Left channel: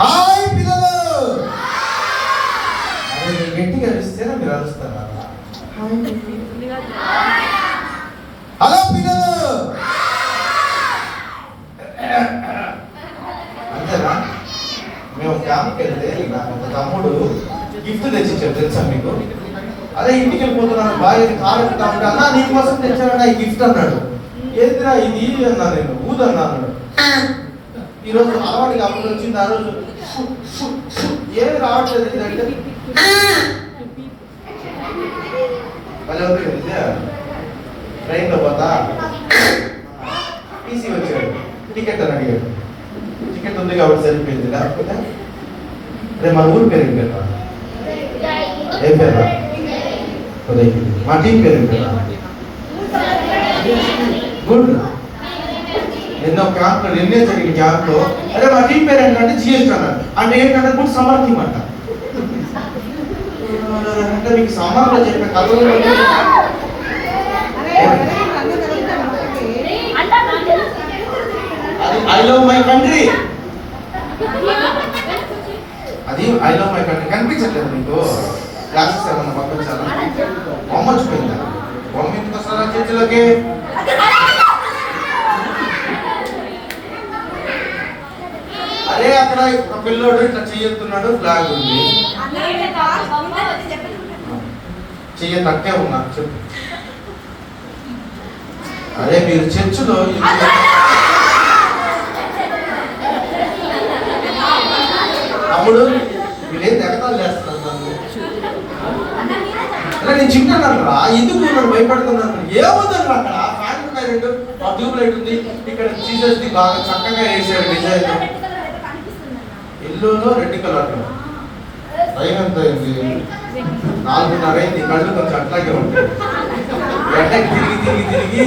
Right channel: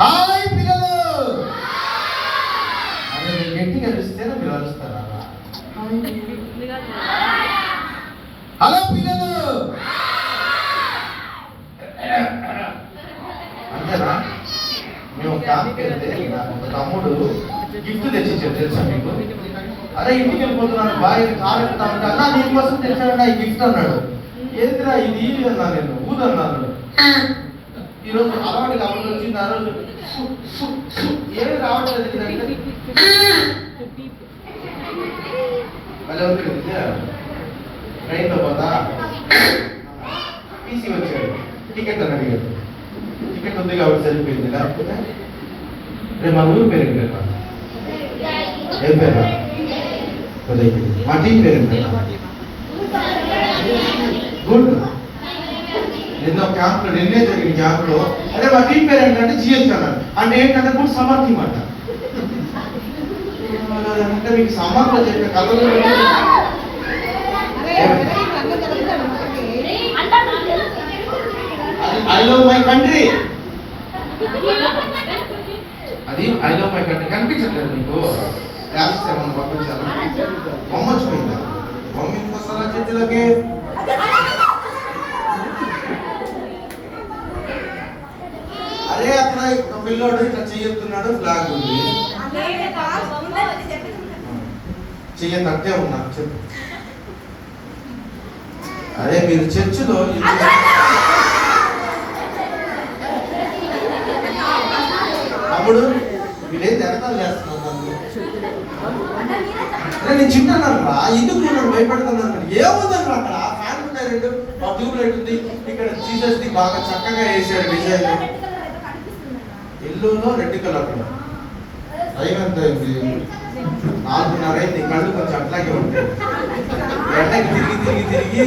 Hi పిల్లలు, అదే గట్టిగా అరిస్తేనా మీరు అరుస్తారా? హలో పిల్లలు, అంతేనా? మేము క్యాంప్కి వెళ్తే ఒక తమ్ముడు గిఫ్ట్ తెచ్చిచ్చాడు, తెలుసా మీకు? అదే ఇంటికి వెళ్ళిపోతున్నాను బాగా కారెక్కుతామంటే అన్నా నీకోసం తెచ్చాడన్నా ఈ గిఫ్ట్ అన్నాడు. ఏదిరా ఇది అన్నా, నేను ఊదన్నా అన్నాడు. ఈరోజు అలవాటు కాబట్టి వచ్చింది. ఆ రోజు ఏమి రావట్లేదు అంటే ట్రైన్లో పోతా టీసీ వచ్చాడు, టికెట్ అని అడిగాడు. టికెట్ ఉంది కాబట్టి సరిపోయింది, లేకపోతే రేపు మా ఊరి పేరు కదా. ఏం పేరు? మా టీం పేరు కదా. గుడ్. ఎన్నో క్యాంప్లో నిన్నే జరిగిన క్యాంప్లో అంటే మా టీం పేరు ఏంటంటే జిఎస్టీ అన్నాడు. అంటే ఏంటంటే గుడ్ సమ్మర్ టీమ్ అంట. అంటే మీకు సమ్మర్లో చెప్పిన కథలు అది ఐ లవ్ మై కంట్రీ. అది ఐ లవ్ మై కంట్రీ కనిపించట్లేదు మీకు? క్లాసెస్ ఏమన్నా పంపించాలా? బొమ్మ వచ్చిపోయిందా? బొమ్మ ఎందుకు వస్తారా చేతిలోకి? అరే అక్కడ ఒక పిల్లోడు ఇట్లా చెయ్యొస్తున్నాడు, ఫ్లాగ్ ఉంది, చెయ్య తట్టే ఉన్నా చెప్పు. అరే మీరు చర్చిలో అప్పుడు వీళ్ళేం ఎగతాలు చేస్తున్నారు. అరే నేను చింటున్నాను రా, ఎందుకు నన్ను భయపడుతున్నాను? ఏముందన్నారు అక్కడ? ఫ్యాన్ ఉన్నాయి, రెండు ట్యూబ్ లైట్ ఉంది, ఇక్కడ జీసస్ ది బాగా చక్కగా వేసాడు డిజైన్, ఎల్లోలో రెడ్ కలర్లో. టైం ఎంత అయింది? 4:30 అయింది. కళ్ళు కొంచెం అట్లాగే ఉంటాయి. ఎండకి తిరిగి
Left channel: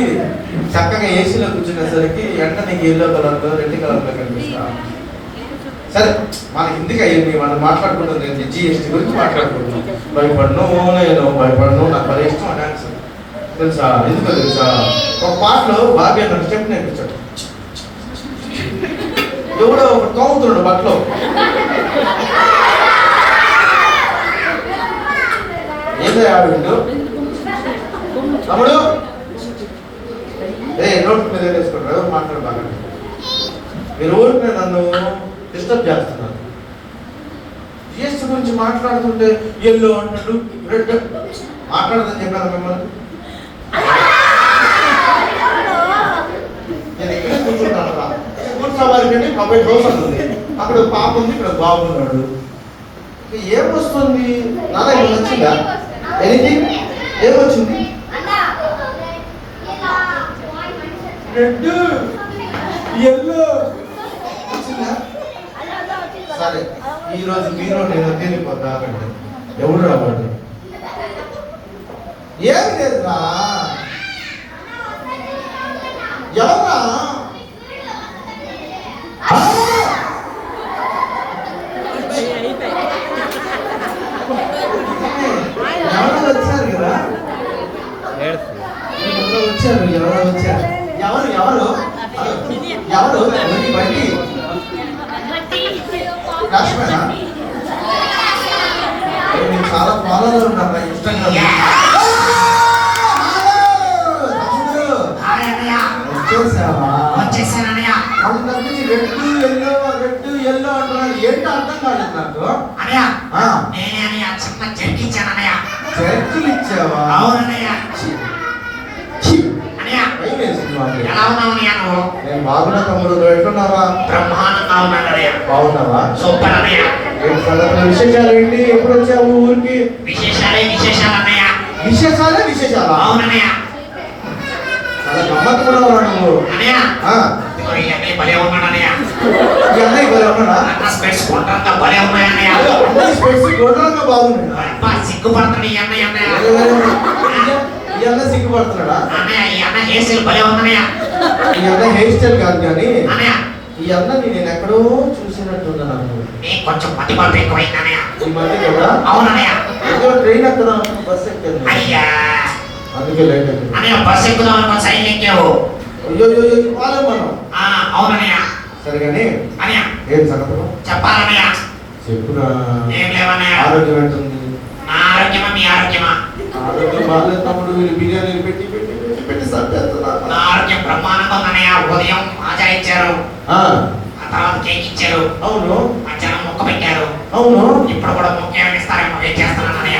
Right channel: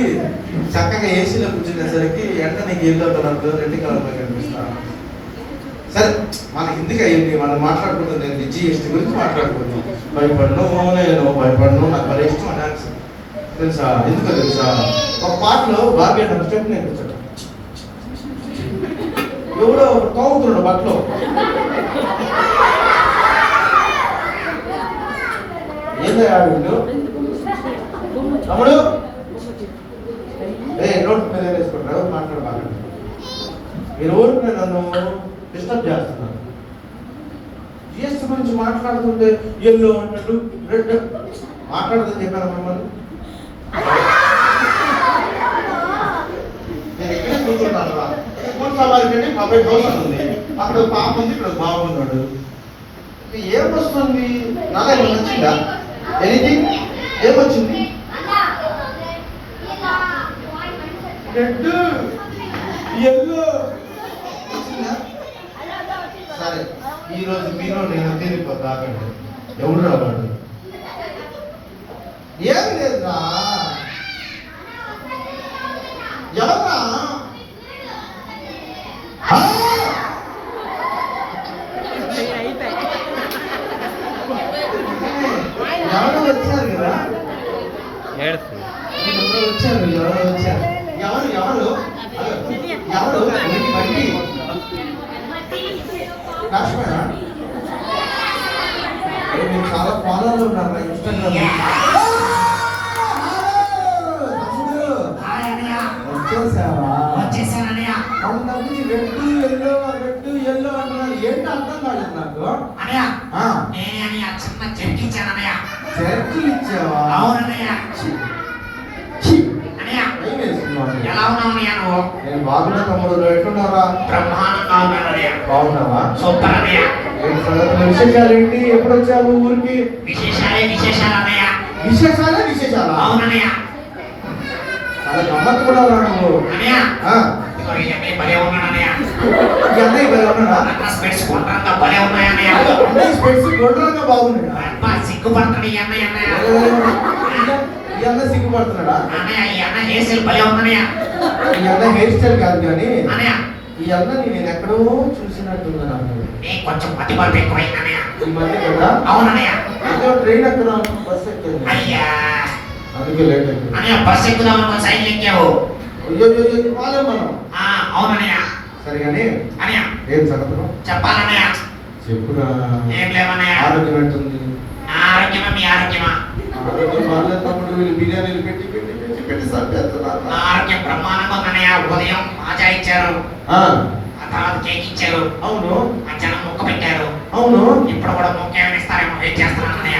చక్కగా ఏసీలో కూర్చునేసరికి ఎండ నీకు ఎల్లో కలర్లో రెడ్ కలర్లో కనిపిస్తా. సరే మన హిందీకి అయ్యింది, మనం మాట్లాడుకుంటుంది ఏంటి? జిఎస్టీ గురించి మాట్లాడుకుంటున్నాం. భయపడను నాకు భలే ఇష్టం ఆ డాన్స్, తెలుసా? ఎందుకో తెలుసా? ఒక పాటలో బాబీ అన్న స్టెప్ నేర్పించాడు. ఎవడో ఒక తోముతున్నాడు బట్టలో, ఏదో ఆవిడు తమ్ముడు నోట్ మీద వేసుకుంటాడు, మాట్లాడు బాగా. మీరు ఊరికి నన్ను డిస్టర్బ్ చేస్తున్నారు. జిఎస్టీ గురించి మాట్లాడుతుంటే ఎల్లో అన్నట్టు రెడ్ మాట్లాడదని చెప్పాను మిమ్మల్ని. నేను ఎక్కడ కూర్చుంటాను, కూర్చోవాలని కబడ్డీ దోశ ఉంది, అక్కడ పాప ఉంది, ఇక్కడ బాబు ఉన్నాడు. ఏమొస్తుంది? నాన్న ఏమైనా వచ్చిందా? ఎనీథింగ్? ఏమొచ్చింది? రెడ్ ఎల్లో వచ్చిందా? సరే ఈరోజు మీరు నేను తేలిపోతాకండి. ఎవడు రావాలి? ఏమి లేదురా. ఎవరా? ఎవరో వచ్చారు కదా, వచ్చారు ఎవరు బండి కాశ్మీరా? నేను చాలా ఫాలోలో ఉన్నాను ఇన్స్టాగ్రామ్. వచ్చేసావా? రెడ్ ఎల్లో అంటున్నారు, ఏంటో అర్థం కాలేదు నాకు. చర్చిలు ఇచ్చావా? నేను బాగున్నా తమ్ముడు, ఎట్లున్నావా? బాగున్నావా? విశేషాలు ఏంటి? ఎప్పుడు వచ్చావు ఊరికి? విశేషాలా? చాలా గమ్మత్తు కూడా ఉన్నాడు నువ్వు. అన్నయ్య భలే ఉన్నాడా? స్పెట్స్ గుండ్రంగా బాగున్నాయి. సిగ్గుపడుతున్నాడు ఈ అన్న సిగ్గుపడుతున్నాడా? ఈ అన్న హెయిర్ స్టైల్ కాదు కానీ ఈ అన్న నేను ఎక్కడో చూసినట్టున్నాను. కొంచెం పట్టిపట్టు ఎక్కువైంది ఈ మధ్య కూడా. అవునన్నయ్య ట్రైన్ ఎక్కడ? బస్ ఎక్కాను, అందుకే లేట్ అయింది. బస్ ఎక్కుదాం సైడ్ ఎక్కావు. అయ్యో పాలే మనం. అవునన్నయ్య. సరిగానే అన్నయ్య ఏం సంగతులు చెప్పాలన్నయ్య. చెప్పురా. ఏం లేవన్నయ్య. ఆరోగ్యం అంటుంది. నా ఆరోగ్యమా మీ ఆరోగ్యమా? ఆరోగ్యం బాగాలేదు తమ్ముడు. వీళ్ళు బిర్యానీలు పెట్టి పెట్టి పెట్టి పెట్టి సరిపోతున్నారు. నా ఆరోగ్యం బ్రహ్మాండంగా ఉందన్నయ్య. ఉదయం మాజా ఇచ్చారు, ఆ తర్వాత కేక్ ఇచ్చారు. అవును. మధ్యాహ్నం ముక్క పెట్టారు. అవును. ఇప్పుడు కూడా ముక్క ఏమి ఇస్తారేమో వెయిట్ చేస్తున్నాను అన్నయ్య.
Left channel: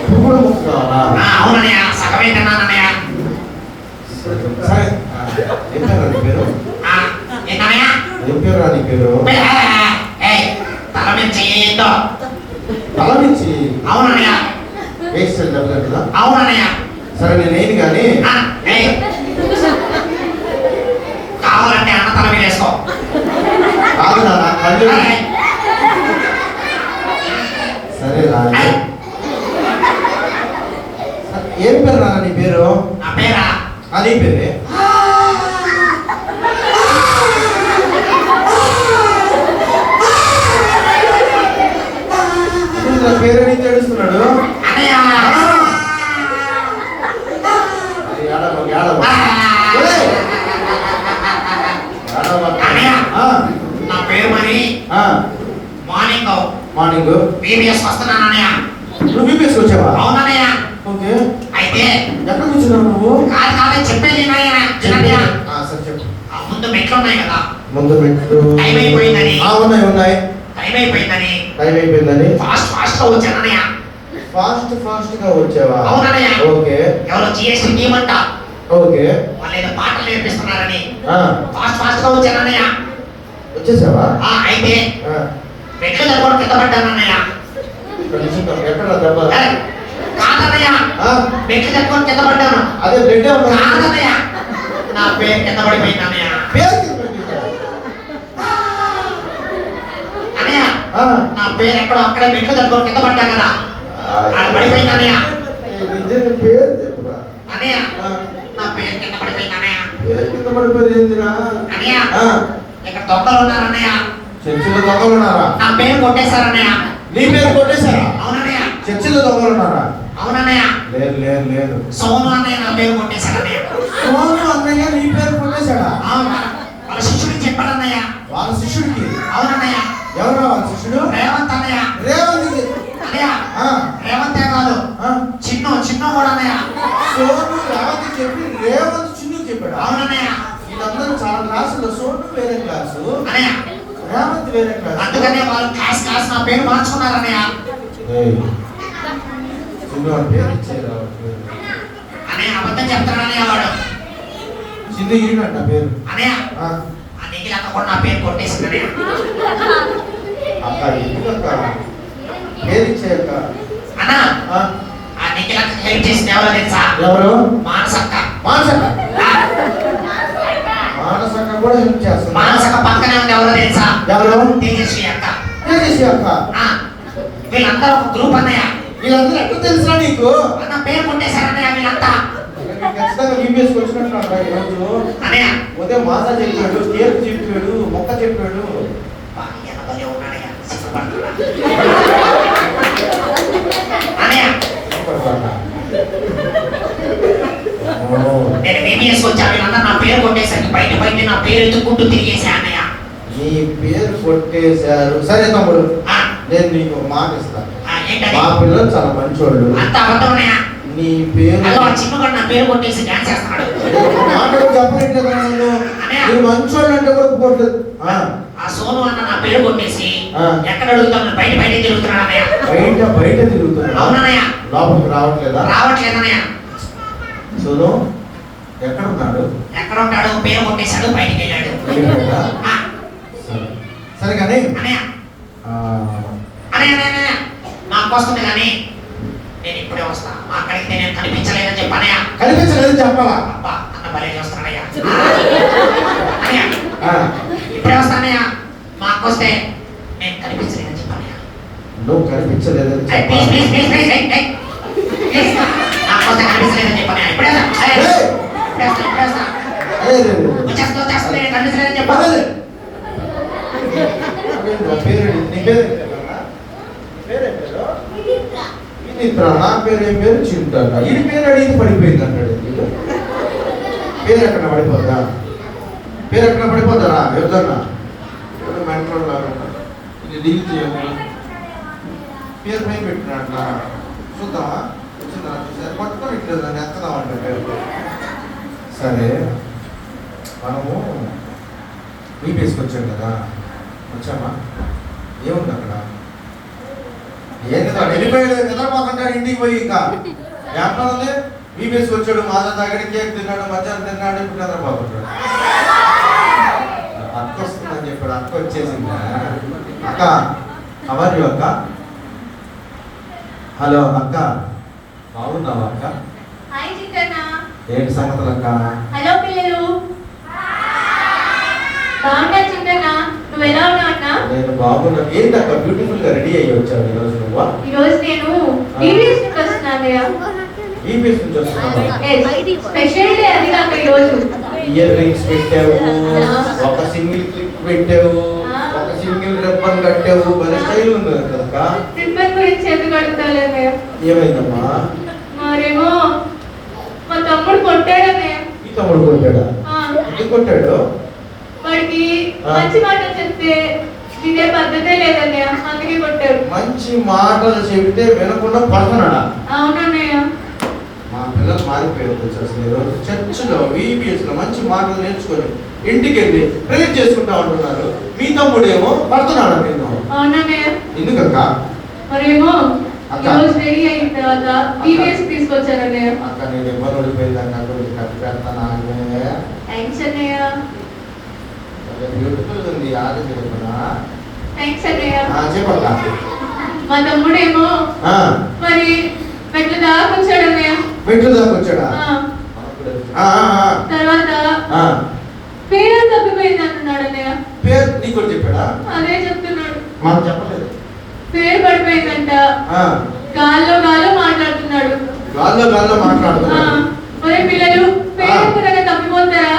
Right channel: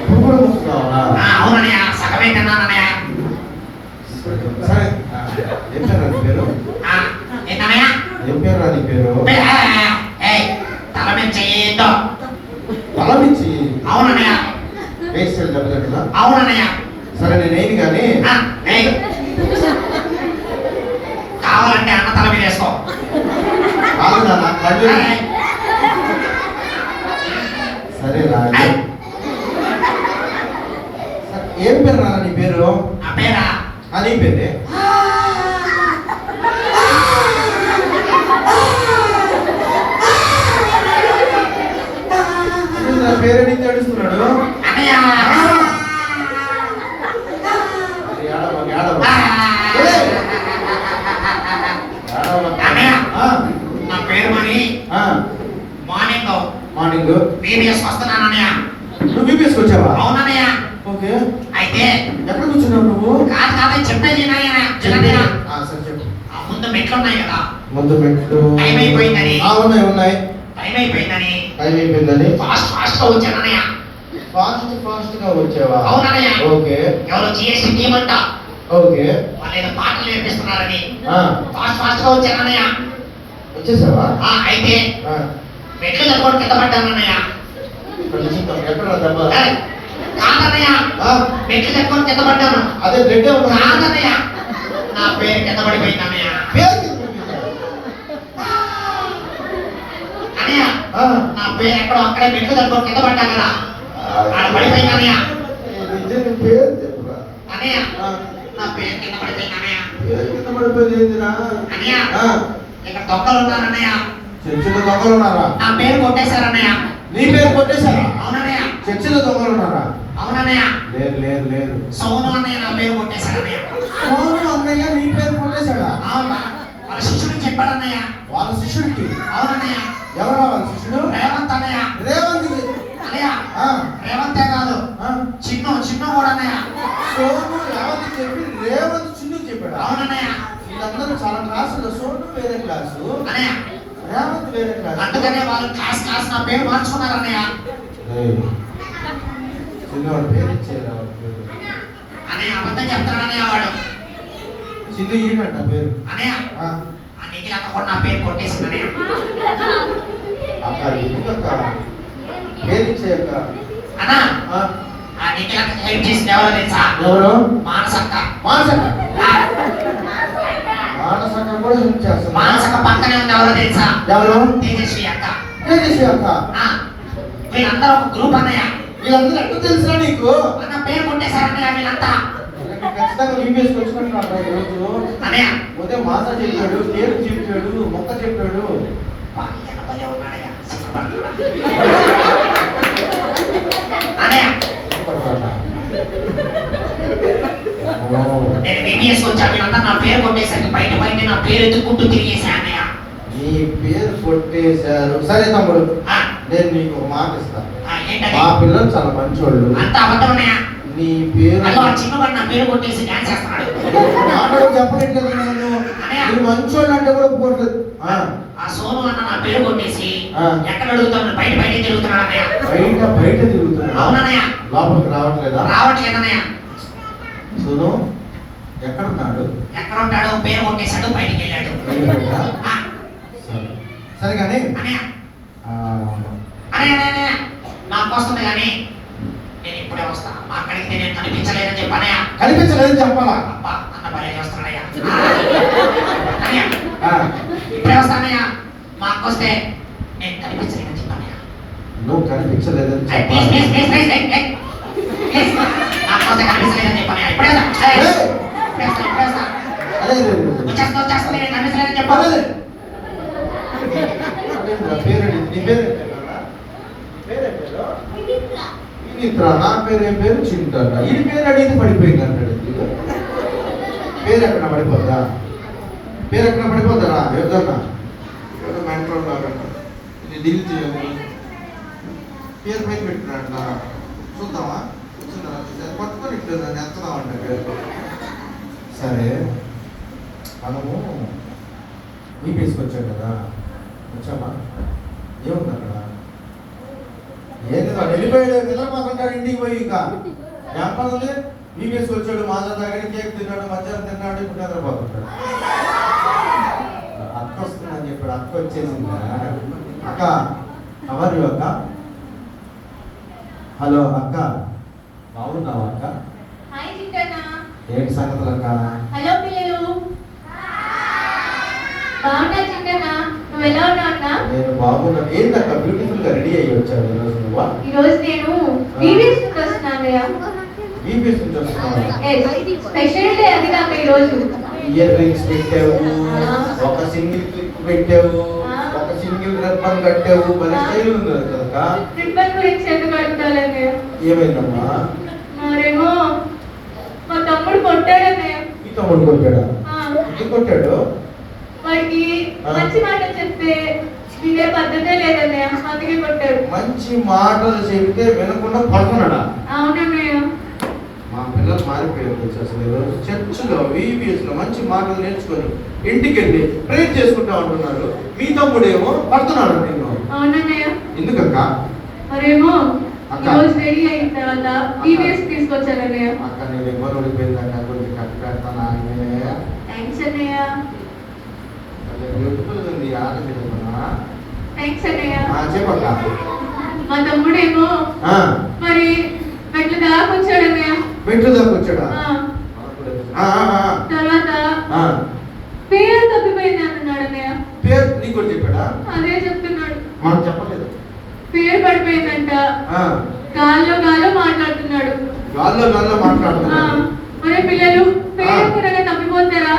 ఇప్పుడు కూడా ముక్క కావాలా? అవునన్నయ్య, సగమే తిన్నానన్నయ్య. సరే ఏం పేరు నీ పేరు? ఏంటన్నయ్య? ఏం పేరు నీ పేరు? తల మీద చెయ్యో. తల మించి? అవునన్నయ్య. వేసి డబ్బులు. అవునన్నయ్య. సరే నేనేది కానీ కావాలంటే అన్న తల మీద వేసుకో. కాదు నా కళ్ళు. సరే రా. ఏం పేరు నాన్న నీ పేరు? నా పేరా? నీ పేరే? పేరు నీకు తెలుస్తున్నాడు. నా పేరు మరి మార్నింగ్ మార్నింగ్ బీబీఎస్ వస్తున్నాను అన్నయ్య. నువ్వు బీబీఎస్ వచ్చావా? అవునన్నయ్య. ఓకే. అయితే ఎక్కడ కూర్చున్నావు నువ్వు? కాదు చెప్పేది ముందు మెట్లు ఉన్నాయి కదా. ముందు మెట్లు టైం అయిపోయిందని. ఉన్నాయి ఉన్నాయి. టైం అయిపోయిందని ఫాస్ట్ గా వచ్చానన్నయ్య. ఫాస్ట్ గా వచ్చావా? అవునన్నయ్య. ఓకే. ఎవరో జిఎస్టీ టీమ్ అంట. ఓకే. వాళ్ళు ఏదో పాటలు నేర్పిస్తున్నారని ఫాస్ట్ గా వచ్చానన్నయ్య. వచ్చేసావా? అయితే మెట్లు దగ్గర కింద పడ్డానన్నయ్య. ఎక్కడ దెబ్బ? కాదన్నయ్య, మెట్లు దగ్గర కింద పడ్డాను. అదే బ్లడ్ కాదన్నయ్య, నా పేరు కింద పడిపోయింది అన్నయ్య. అన్నయ్య నా పేరు ఎక్కడో అక్కడే మెట్లు దగ్గర కింద పడ్డా కదా, పడిపోయింది అన్నయ్య. అన్నయ్య నా పేరు కింద పడిపోయింది అన్నయ్య. అన్నయ్య ఇక్కడ దొంగలు ఉన్నారు అన్నయ్య. చర్చిలో దొంగలు ఉన్నారా? నా పేరు కొట్టేశారు అన్నయ్య. నీ పేరు కొట్టేశారా? అవునన్నయ్య. చర్చిలో దొంగలు ఉన్నారా? అవునన్నయ్య. లేదు. సోను అన్నయ్య నా పేరు కొట్టేశారు అన్నయ్య. సోను అన్నయ్య నీ పేరు కొట్టేశాడా? అవునా? వాళ్ళ శిష్యుడికి చెప్పాడన్నయ్య. వాళ్ళ శిష్యుడికి? అవునన్నయ్య. ఎవరా వాళ్ళ శిష్యుడు? రేవంత్ అన్నయ్య. రేవంత్ అన్నయ్య రేవంతే కాదు, చిన్ను కూడా అన్నయ్య. సోను రేవంత్ చెప్పి రేవంత్ చిన్ను చెప్పాడు. అవునన్నయ్య. వీళ్ళందరూ చాలా క్లాసులో సోను వేరే క్లాసు, అన్నయ్య రేవంత్ వేరే క్లాసు. అందుకనే వాళ్ళు క్లాస్ నా పేరు మార్చుకున్నారు అన్నయ్య. చిన్న పేరు ఇచ్చారు అన్నయ్య. అబద్ధం చెప్తాడు అన్నయ్య వాడు. చిన్న ఈయనట పేరు అన్నయ్య. నీకు అక్క కూడా నా పేరు కొట్టేసింది అన్నయ్య. అక్క పేరు ఇచ్చాక అన్న నీకు హెల్ప్ చేసింది ఎవరో తెలుసా? ఎవరు? మానసక్క. మానసక్క కూడా హెల్ప్ చేస్తుంది. మానసక్క పక్కనే ఉంది. ఎవరో తెలుసా? ఎవరు? తేజస్వి అక్క. తేజస్వి అక్క. వీళ్ళందరూ ఒక గ్రూప్ అన్నయ్య. వీళ్ళందరూ ఎక్కడ తెలుసా నీకు? నా పేరు కొట్టేశారన్నయ్య వీళ్ళంతా. ఖచ్చితంగా బీబీఎస్ వచ్చినట్టు అన్నయ్య. ఉదయం మాసా చెప్పాడు, టేప్ చెప్పాడు, మొక్క చెప్పాడు. నేను బీబీఎస్ వచ్చాను. వీళ్ళంతా నా పేరు కొట్టేశారు. బయట నా పేరు ఎత్తుకుంటూ తిరిగేసా అన్నయ్య. నీ పేరు కొట్టేశారు. సరే తమ్ముడు, నేను నీకు ఒక మాట ఇస్తాను. మా పిల్లలు చాలా మంచోళ్ళు. అంత అబద్ధమన్నయ్య. నీ పేరు చిన్నవాడు నా పేరు కొట్టేసి డాన్స్ చేస్తున్నాడు. మాటలు చెప్పలేదు. నువ్వు మంచోళ్ళు అంటే కూడా పోట్లేదు. ఆ సోను అన్న నా పేరు కొట్టేసి ఎక్కడ అడుగుతాను? బయట తిరుగుతున్నాడు అన్నయ్య. బయట తిరుగుతున్నాడు. అవునన్నయ్య. లోపలికి రావట్లేదా? రావట్లేదన్నయ్య. సోను ఎక్కడ ఉన్నాడు? ఎక్కడ ఉంటాడు? పేరు కొట్టేశాడు, బయటికి వెళ్ళాడు. సరే కానీ అన్నయ్య నాకు వస్తుంది కానీ నేను ఇప్పుడే వస్తా. అక్కడికి నేను కనిపించలేదని చెప్పనయ్య. కనిపించలేదని చెప్పాలా? అబ్బా అన్న భలే చేస్తున్నాడయ్యా. అన్నయ్య ఇప్పుడే వస్తానయ్యా. మా అక్క వస్తే నేను కనిపించలేదని చెప్పనయ్యా. నువ్వు కనిపించలేదని చెప్పాలి. నాకు వస్తే కనిపించలేదని చెప్పనయ్యా. ఇప్పుడే వచ్చేస్తా. నేను కనిపించలేదని చెప్పాలి. నా పేరు ఏం పేరు? చింత. ఈ పేరు అడిగి పడిపోయింది అంటాడు. పేరు ఎక్కడ పడిపోద్దా? పేరు ఎక్కడ పడిపోతారా? ఎవరన్నా ఎవరు మెంటల్ కాకుండా ఇది డీల్ చేయండి. పేరు పైన పెట్టినట్లా చూద్దామా? వచ్చిందా? పట్టుకొని ఇట్లా దాన్ని ఎక్కదామంటే పేరు. సరే మనము మీ తీసుకొచ్చాం కదా, వచ్చామా? ఏముంది అక్కడ? ఏంది వెళ్ళిపోయాడు కదా మాకంటాడు ఇంటికి పోయి. ఇంకా ఏమన్నది? మీ తీసుకొచ్చాడు, మాదా దగ్గర కేక్ తిన్నాడు, మధ్యాహ్నం తిన్నాడు, ఇప్పుడు నిద్రపోతున్నాడు. అక్క వస్తుందని చెప్పాడు. అక్క వచ్చేసిందా? అక్క అవర్ అక్క. హలో అక్క, బాగున్నావా అక్క? ఏంటి సంగతులు అక్క? హలో పిల్లలు, బాగున్నా చింతన్న? నువ్వు ఎలా ఉన్నావు అన్న? నేను బాగున్నా. ఏంటి అక్క బ్యూటిఫుల్ గా రెడీ అయ్యి వచ్చావు ఈరోజు నువ్వు? ఈరోజు నేను ఈవీఎస్ నుంచి వస్తున్నాను. ఈవీఎస్ నుంచి వస్తున్నావా? స్పెషల్ డే అది కాక ఈరోజు ఇయర్ రింగ్స్ పెట్టావు, ఒక సింగిల్ క్లిప్ పెట్టావు, ఒక సింగిల్ రిబ్బన్ కట్టావు, మరి స్టైల్ ఉంది కదా. రిబ్బన్ గురించి ఎందుకు అడుగుతాలే? ఏమైందమ్మా? మరేమో మా తమ్ముడు కొట్టాడనే. ఈ తమ్ముడు కొట్టాడా? ఎందుకు కొట్టాడు? వాడికి మంచి మాట చెప్తే ఇదే పద్ధతే లేదన్నయ్య, అందుకే కొట్టాడు. మంచి మాటలు చెబితే వినకుండా పడుతున్నాడా? అవునన్నయ్య. మా పిల్లలు మారిపోయారు అసలు. ఈరోజు చర్చిలో VBS లో మంచి మాటలు నేర్చుకొని ఇంటికి వెళ్ళి ప్రేర్ చేసుకుంటా ఉంటున్నారు. మీ తమ్ముడేమో పడుతున్నాడు నిన్ను. అవునన్నయ్య. ఎందుకక్క? మరేమో అక్క. రోజు రెడీ అయిన తర్వాత ఈవీఎస్ తీసుకొచ్చానన్నయ్య. అక్క నేను ఎవరు ఓడిపోయిందన్న కొద్దిగా కట్టి పెడతాను. థ్యాంక్స్ అన్నయ్య. బ్యూటిఫుల్ ఉంది. ఆలోచన థ్యాంక్స్ అన్నయ్య. చెప్పక్క. మా తమ్ముడేమో మరి మెట్ల దాకా వచ్చాడన్నయ్య. మెట్లు దాకా వచ్చాడా? తర్వాత పేరు తప్పిపోయింది అంటున్నాడు అన్నయ్య. పేరు నీకు కూడా చెప్పాడా? అదే చెప్తున్నాడు. మాకు చెప్పలేదు. పేరు పడిపోయిందంట. గాల్లో మాట్లాడుతున్నాడు. గాల్లో మాట్లాడుతున్నాడు. మరి పిల్లలు పేరు కూడా తప్పిపోతారా?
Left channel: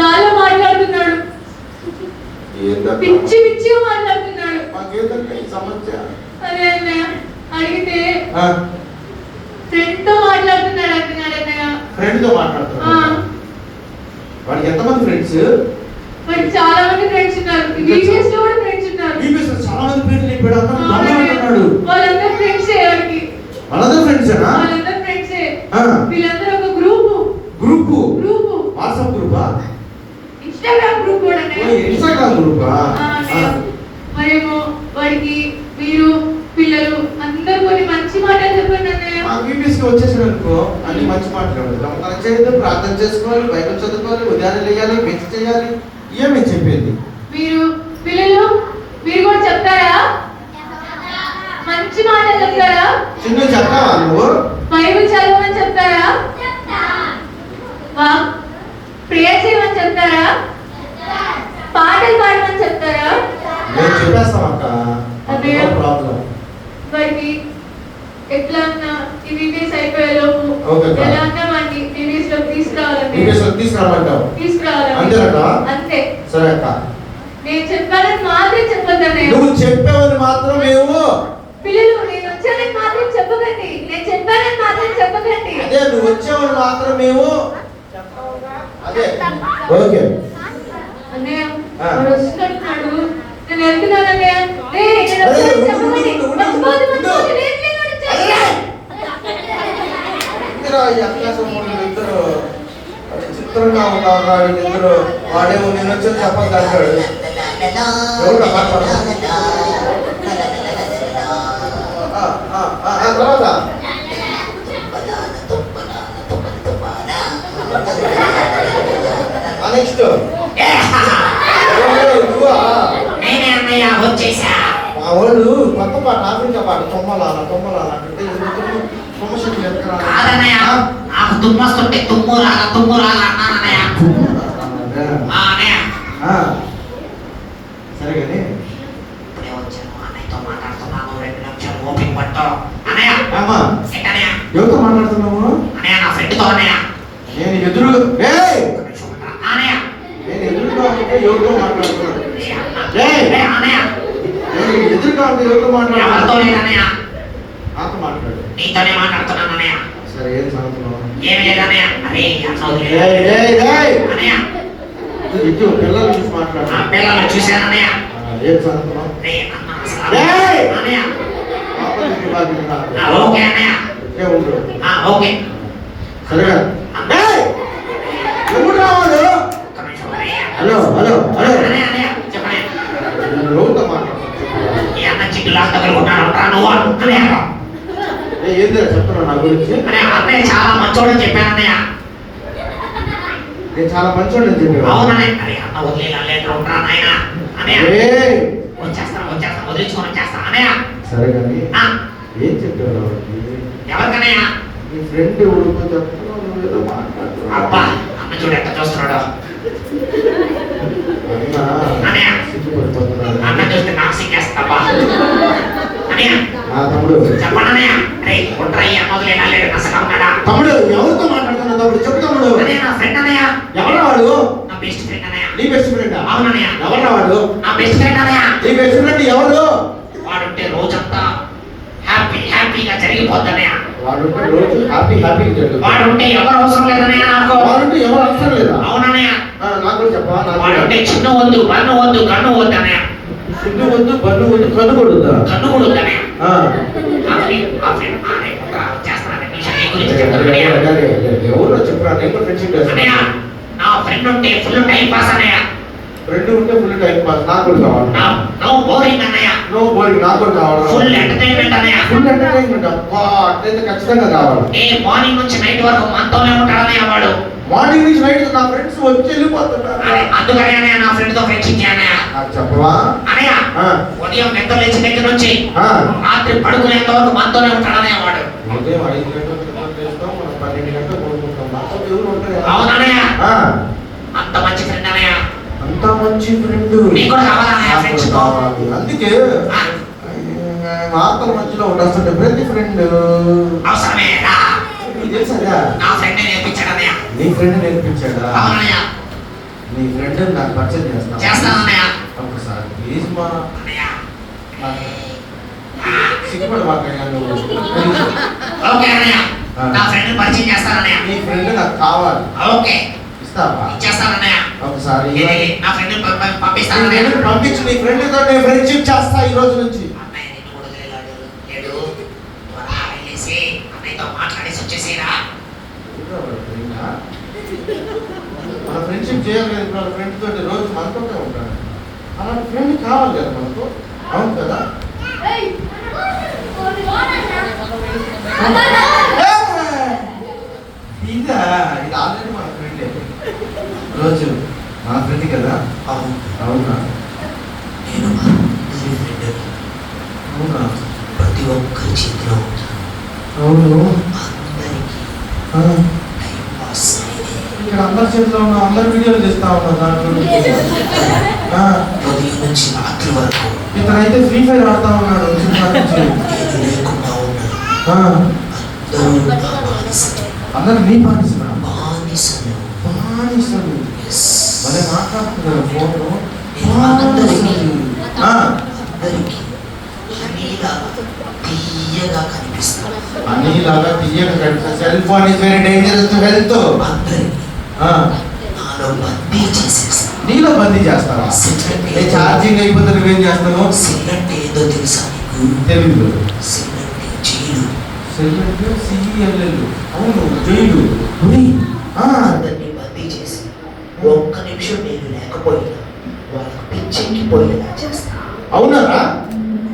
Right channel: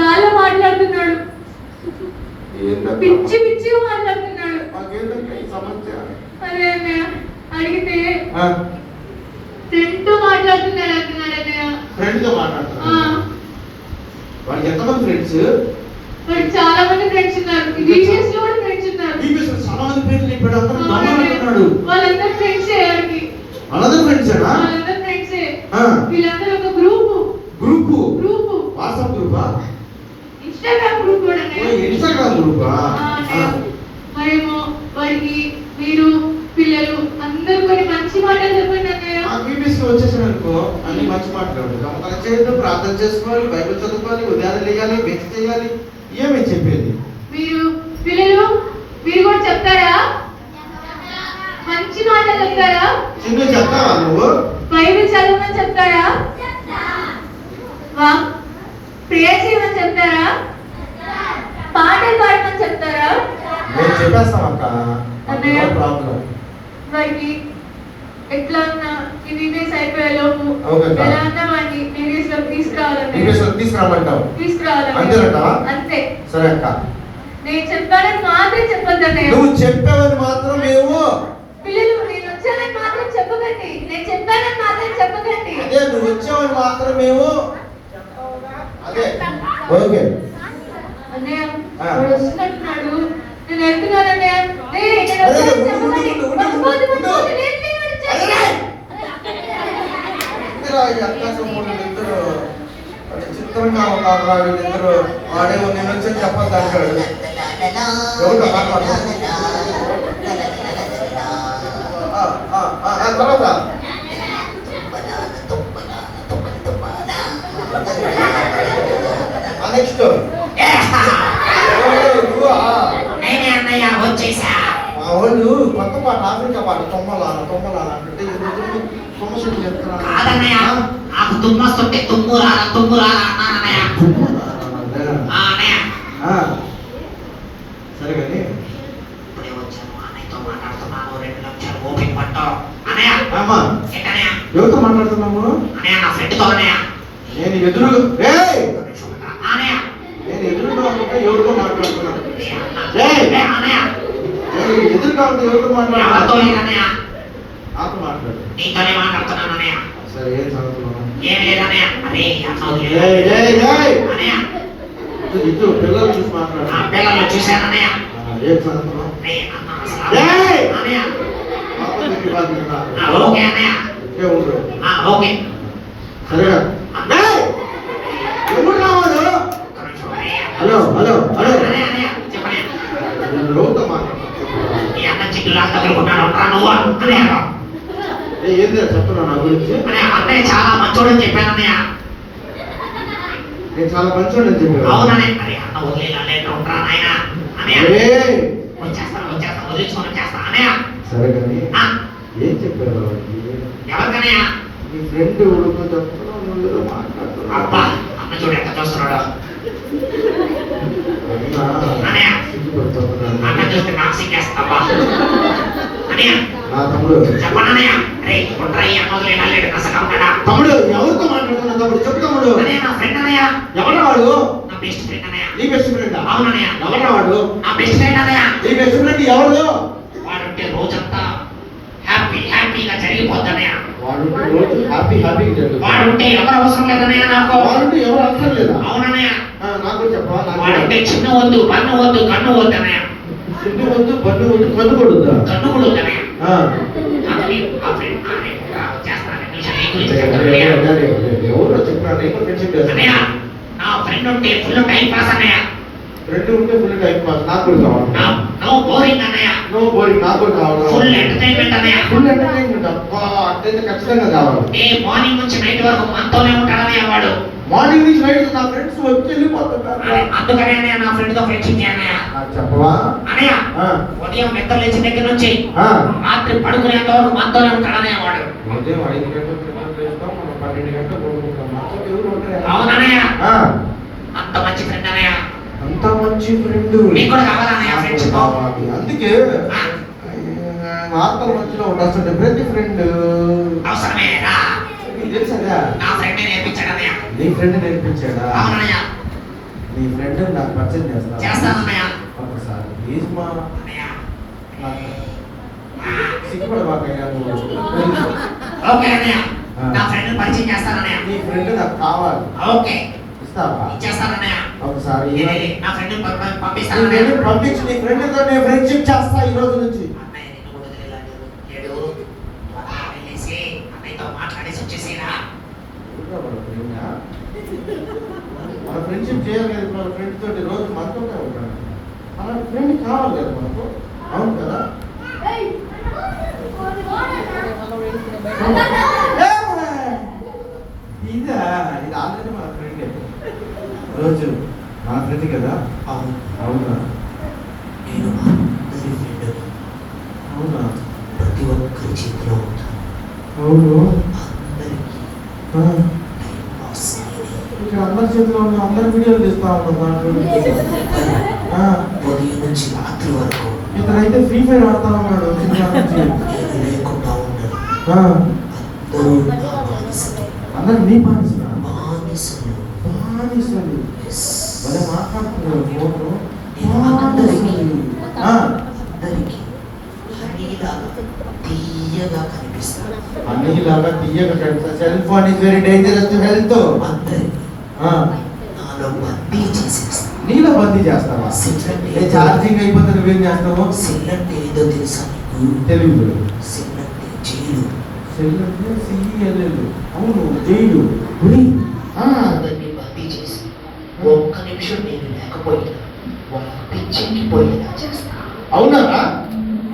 గాల్లో మాట్లాడుతున్నాడు. పిచ్చి పిచ్చిగా మాట్లాడుతున్నాడు. అదే అన్నయ్య అడిగితే ఫ్రెండ్ తో మాట్లాడుతున్నాడు అంటున్నాడు అన్నయ్య. ఫ్రెండ్ తో మాట్లాడుతున్నాడు. వాడికి ఎంతమంది ఫ్రెండ్స్? వాడికి చాలా మంది ఫ్రెండ్స్ ఉన్నారు. ఈవీఎస్ లో కూడా ఫ్రెండ్స్ ఉన్నారు. ఈవీఎస్ లో చాలా మంది ఫ్రెండ్స్ ఇప్పుడు అంటున్నాడు. వాళ్ళందరూ ఫ్రెండ్సే వాడికి. వాళ్ళందరూ ఫ్రెండ్సేనా? వాళ్ళందరూ ఫ్రెండ్సే. వీళ్ళందరూ ఒక గ్రూప్ వాట్సాప్ గ్రూపా? ఇన్స్టాగ్రామ్ గ్రూప్ కూడా అన్నయ్య. ఇన్స్టాగ్రామ్ గ్రూపా? మరేమో వాడికి మీరు పిల్లలు అందరూ కొన్ని మంచి మాటలు చెప్పండి అన్నయ్య. ఈవీఎస్ కి వచ్చేసాడు అనుకో, అన్ని మంచి మాటలు నమ్మకాలు చేయాలి, ప్రార్థన చేసుకోవాలి, బైబిల్ చదువుకోవాలి, ఉదయాన్నే లేయాలి, మిక్స్ చేయాలి. ఏమేమి చెప్పేది? మీరు పిల్లలు మీరు కూడా చెప్తారా? మంచి మాటలు చెప్తారా? చిన్న చెప్తావా నువ్వు? బైబిల్ చదవమని చెప్తారా? ప్రేయర్ చేయమని చెప్తారా? పాటలు పాడమని చెప్తారా? నేను చెప్పేస్తాం అక్క. ప్రాబ్లం వాడికి ఎట్లా ఉన్నా ఈవీఎస్ అయిపోయే లోపు ఎలా ఉన్నా వాడిని ఈవీఎస్ లో తీసుకురావాలి. అంతే. సరే అక్క. నేను చెప్పాలని మాత్రం చెప్పొద్దండి. నువ్వు చెప్పేవని మాత్రం మేము పిల్లలు నేను వచ్చానని మాత్రం చెప్పకండి. నేను చెప్పానని మాత్రం చెప్పకండి. అదే నువ్వు వచ్చేవని మాత్రం మేము అదే ఓకే అన్నయ్య వస్తున్నట్టున్నాడు. నేను వెళ్తున్నానన్నయ్య. చిత్రంగా ఉన్నారు వీళ్ళిద్దరు. వాడేమో నేను వచ్చి చెప్పద్దు అంటాడు. ఎవరు తర్వాత నెక్స్ట్ మా వాళ్ళు కొత్త పాట ఆఫ్రికా పాట తొమ్మలాల అంటే తుమ్మస్తుంటే తుమ్మురా సరే కానీ ఇప్పుడే వచ్చాను అన్నయ్యతో మాట్లాడుతున్నాను. 2 నిమిషాలు ఓపిక పట్టు అన్నయ్య. ఎవరితో మాట్లాడుతున్నాము? అన్నయ్య నా ఫ్రెండ్తో అన్నయ్య. నేను ఎదురుగా అన్నయ్య నేను ఎదురుగా ఉంటే ఎవరితో మాట్లాడుతున్నాను? అన్నయ్య నేను ఎదురుగా ఉంటే ఎవరితో మాట్లాడుతున్నాను? నాతో లేదు అన్నయ్య. నాతో మాట్లాడు. నీతోనే మాట్లాడుతున్నాను అన్నయ్య. సరే ఏం సంగతులు? ఏం లేదన్నయ్య. అరే అన్న వదిలే. ఏయ్, ఏయ్, ఏయ్. అన్నయ్య ఇటు పిల్లలు చూసి మాట్లాడు. ఆ పిల్లలు చూశానన్నయ్య. ఏం చదువుతున్నావు? అరే అన్న అసలు ఏయ్! అన్నయ్య. పాపం నీకు బాగా ఉందా? ఓకే అన్నయ్య. ఇట్లే ఉండు. ఓకే. సరేగా? ఏయ్! ఎవరు రావాలి? ఒక్క నిమిషం అన్నయ్య. హలో హలో హలో అన్నయ్య అన్నయ్య చెప్పండి. నేను రోజుతో మాట్లాడు. ఈ అన్న చిక్కులా తగులుకుంటాడు అంటా నువ్వు అన్నయ్య. ఏంటి చెప్తున్నా నా గురించి? అన్నయ్య చాలా మంచోడని చెప్పాను అన్నయ్య. నేను చాలా మంచోడని చెప్పాను. అవునన్నయ్య. అరే అన్న వదిలేలా లేదు ఉంటా నాయన అన్నయ్య. ఏయ్! వచ్చేస్తాను వదిలించుకొని వచ్చేస్తాను అన్నయ్య. సరే కానీ ఆ, ఏం చెప్పారు ఎవరికన్నయ్య? నీ ఫ్రెండ్ ఎవరికో చెప్తున్నావు, నువ్వు ఏదో మాట్లాడుతున్నావు. అబ్బా అన్న చూడు ఎట్ట చూస్తున్నాడు. అయినా అన్నయ్య సిగ్గుపడిపోతున్నాను. అన్న చూస్తే నాకు సిగ్గేస్తావా అన్నయ్య? నా తమ్ముడు చెప్పండి అన్నయ్య. అరే ఉంటా ఈ అన్న వదిలేలా లేదు నసగా ఉన్నాడా? తమ్ముడు ఎవరితో మాట్లాడుతున్నావు తమ్ముడు? చెప్పు తమ్ముడు. అన్నయ్య నా ఫ్రెండ్ అన్నయ్య. ఎవరా వాడు? నా బెస్ట్ ఫ్రెండ్ అన్నయ్య. నీ బెస్ట్ ఫ్రెండ్? అవునన్నయ్య. ఎవరా వాడు? నా బెస్ట్ ఫ్రెండ్ అన్నయ్య. నీ బెస్ట్ ఫ్రెండ్ ఎవరు? వాడుంటే రోజంతా హ్యాపీగా జరిగిపోద్దన్నయ్య. వాడుంటే రోజు హ్యాపీగా జరుగుతుంది. వాడుంటే ఎవరు అవసరం లేదన్నయ్య నాకు. వాడుంటే ఎవరు అవసరం లేదా? అవునన్నయ్య. నాకు కూడా చెప్పా. వాడుంటే చిన్న వద్దు బన్ను వద్దు కన్ను వద్దు అన్నయ్య. సిగ్గు వద్దు, బండు వద్దు, కన్ను కొడుద్దా? కన్ను కూడా వద్దు అన్నయ్య. ఆ. ఎవరో చెప్పరా? నేను కూడా ఫ్రెండ్షిప్ అన్నయ్య చేస్తాను. నా ఫ్రెండ్ ఉంటే ఫుల్ టైం పాస్ అన్నయ్య. ఫ్రెండ్ ఉంటే ఫుల్ టైం పాస్. నాకు కూడా కావాలి. నో బోరింగ్ అన్నయ్య. No boring. నాకు కూడా కావాలి. ఫుల్ ఎంటర్టైన్మెంట్ అన్నయ్య. Full entertainment. అబ్బా, అట్లయితే ఖచ్చితంగా కావాలి. మార్నింగ్ నుంచి నైట్ వరకు మనతోనే ఉంటాడు అన్నయ్య వాడు. మార్నింగ్ నుంచి నైట్ నా ఫ్రెండ్స్ వచ్చి వెళ్ళిపోతున్నారు. అందుకనే అన్నయ్య నా ఫ్రెండ్ తో ఫ్రెండ్షిప్ చేయన్నయ్య. నాకు చెప్పవా? అన్నయ్య ఆ. ఉదయం నిద్ర లేచిన దగ్గర నుంచి ఆ. రాత్రి పడుకునేంత వరకు మనతోనే ఉంటాడు అన్నయ్య వాడు. ఉదయం 5 గంటలకు నిద్ర లేస్తాం, మనం 12 గంటలకు పడుకుంటాం. నాతో ఎవరు ఉంటారు? అవునన్నయ్య. ఆ. అంత మంచి ఫ్రెండ్ అన్నయ్య. అంత మంచి ఫ్రెండ్. నీకు కూడా కావాలా అన్నయ్య ఫ్రెండ్షిప్? కావాలి. అందుకే ఆత్మల మధ్యలో ఉండాల్సింటే ప్రతి ఫ్రెండ్ అవసరమే రా. నీకు తెలుసా? నా ఫ్రెండ్ నేర్పించాడు అన్నయ్య. నీ ఫ్రెండ్ నేర్పించాడా? అవునన్నయ్య. నీ ఫ్రెండ్ నాకు పరిచయం చేస్తా. చేస్తానన్నయ్య. ఒకసారి ప్లీజ్ మా అన్నయ్య. సిగ్గుపడి మాట్లాడాను. ఓకే అన్నయ్య. నా ఫ్రెండ్ పరిచయం చేస్తానన్నయ్య. నీ ఫ్రెండ్ నాకు కావాలి. ఓకే ఇస్తావా? ఇచ్చేస్తానన్నయ్య. ఒకసారి నా ఫ్రెండ్ నీ పంపిస్తానన్నయ్య. ఫ్రెండ్ పంపించి నీ ఫ్రెండ్ తో నేను ఫ్రెండ్షిప్ చేస్తా ఈ రోజు నుంచి. అన్నయ్య నిన్ను కూడా వదిలేలాడు. లేడు. త్వరగా వెళ్ళేసి అన్నయ్యతో మాట్లాడేసి వచ్చేసేరా. మన ఫ్రెండ్షిప్ చేయాలి కదా. మన ఫ్రెండ్ తోటి రోజు మనతోనే ఉంటాను. అలాంటి ఫ్రెండ్ కావాలి కదా మనకు. అవును కదా? ఇది ఆల్రెడీ మన ఫ్రెండ్ రోజు మన ఫ్రెండ్ కదా. అవును. అవునా? నేను అందరి ఫ్రెండ్. అవునా? ప్రతి ఒక్కరి చేతిలో ఉంటాను. అవును. అందరికీ ఆ. టైం పాస్ అయ్యేది. ఇక్కడ అందరి చేతిలో ఉన్న అందరి వీడియోలు చేస్తా ఉన్నా దాంట్లో. ఉదయం నుంచి రాత్రి వరకు ఇతనైతే ఫ్రీ ఫైర్ ఆడుతా ఉన్నాడు సినిమా నుంచి. ఏది లేకుండా ఉన్నాను. ఆ. అందరూ నా బానిసలు. అందరు నీ పాటిస్తున్నా. బానిసలు. బానిసలు. Yes. భలే మాట్లాడుతున్నారు ఫోను. నేను అందరికీ ఆ. అందరికీ హనీలాగా తీయగా కనిపిస్తాను. అన్నిలాగా తీయక cell phone is very dangerous to health. అందరికీ ఆ. నాలో బందీ చేసేస్తాను. నీలో బందీ చేస్తావా? ఏ ఛార్జింగ్ అయిపోతే నువ్వేం చేస్తావు? సెల్ అంటే ఏదో తెలుసా నీకు? తెలీదు. సెల్ అంటే జైలు. సెల్ అంటే సిఎల్ఎల్. అవును, జైలు. ఉరి. ఆ. అందరినీ బందీ చేసి ఒక్క నిమిషం నేను లేకపోయినా వాళ్ళకి పిచ్చెక్కిపోయేలా చేస్తాను. అవునారా?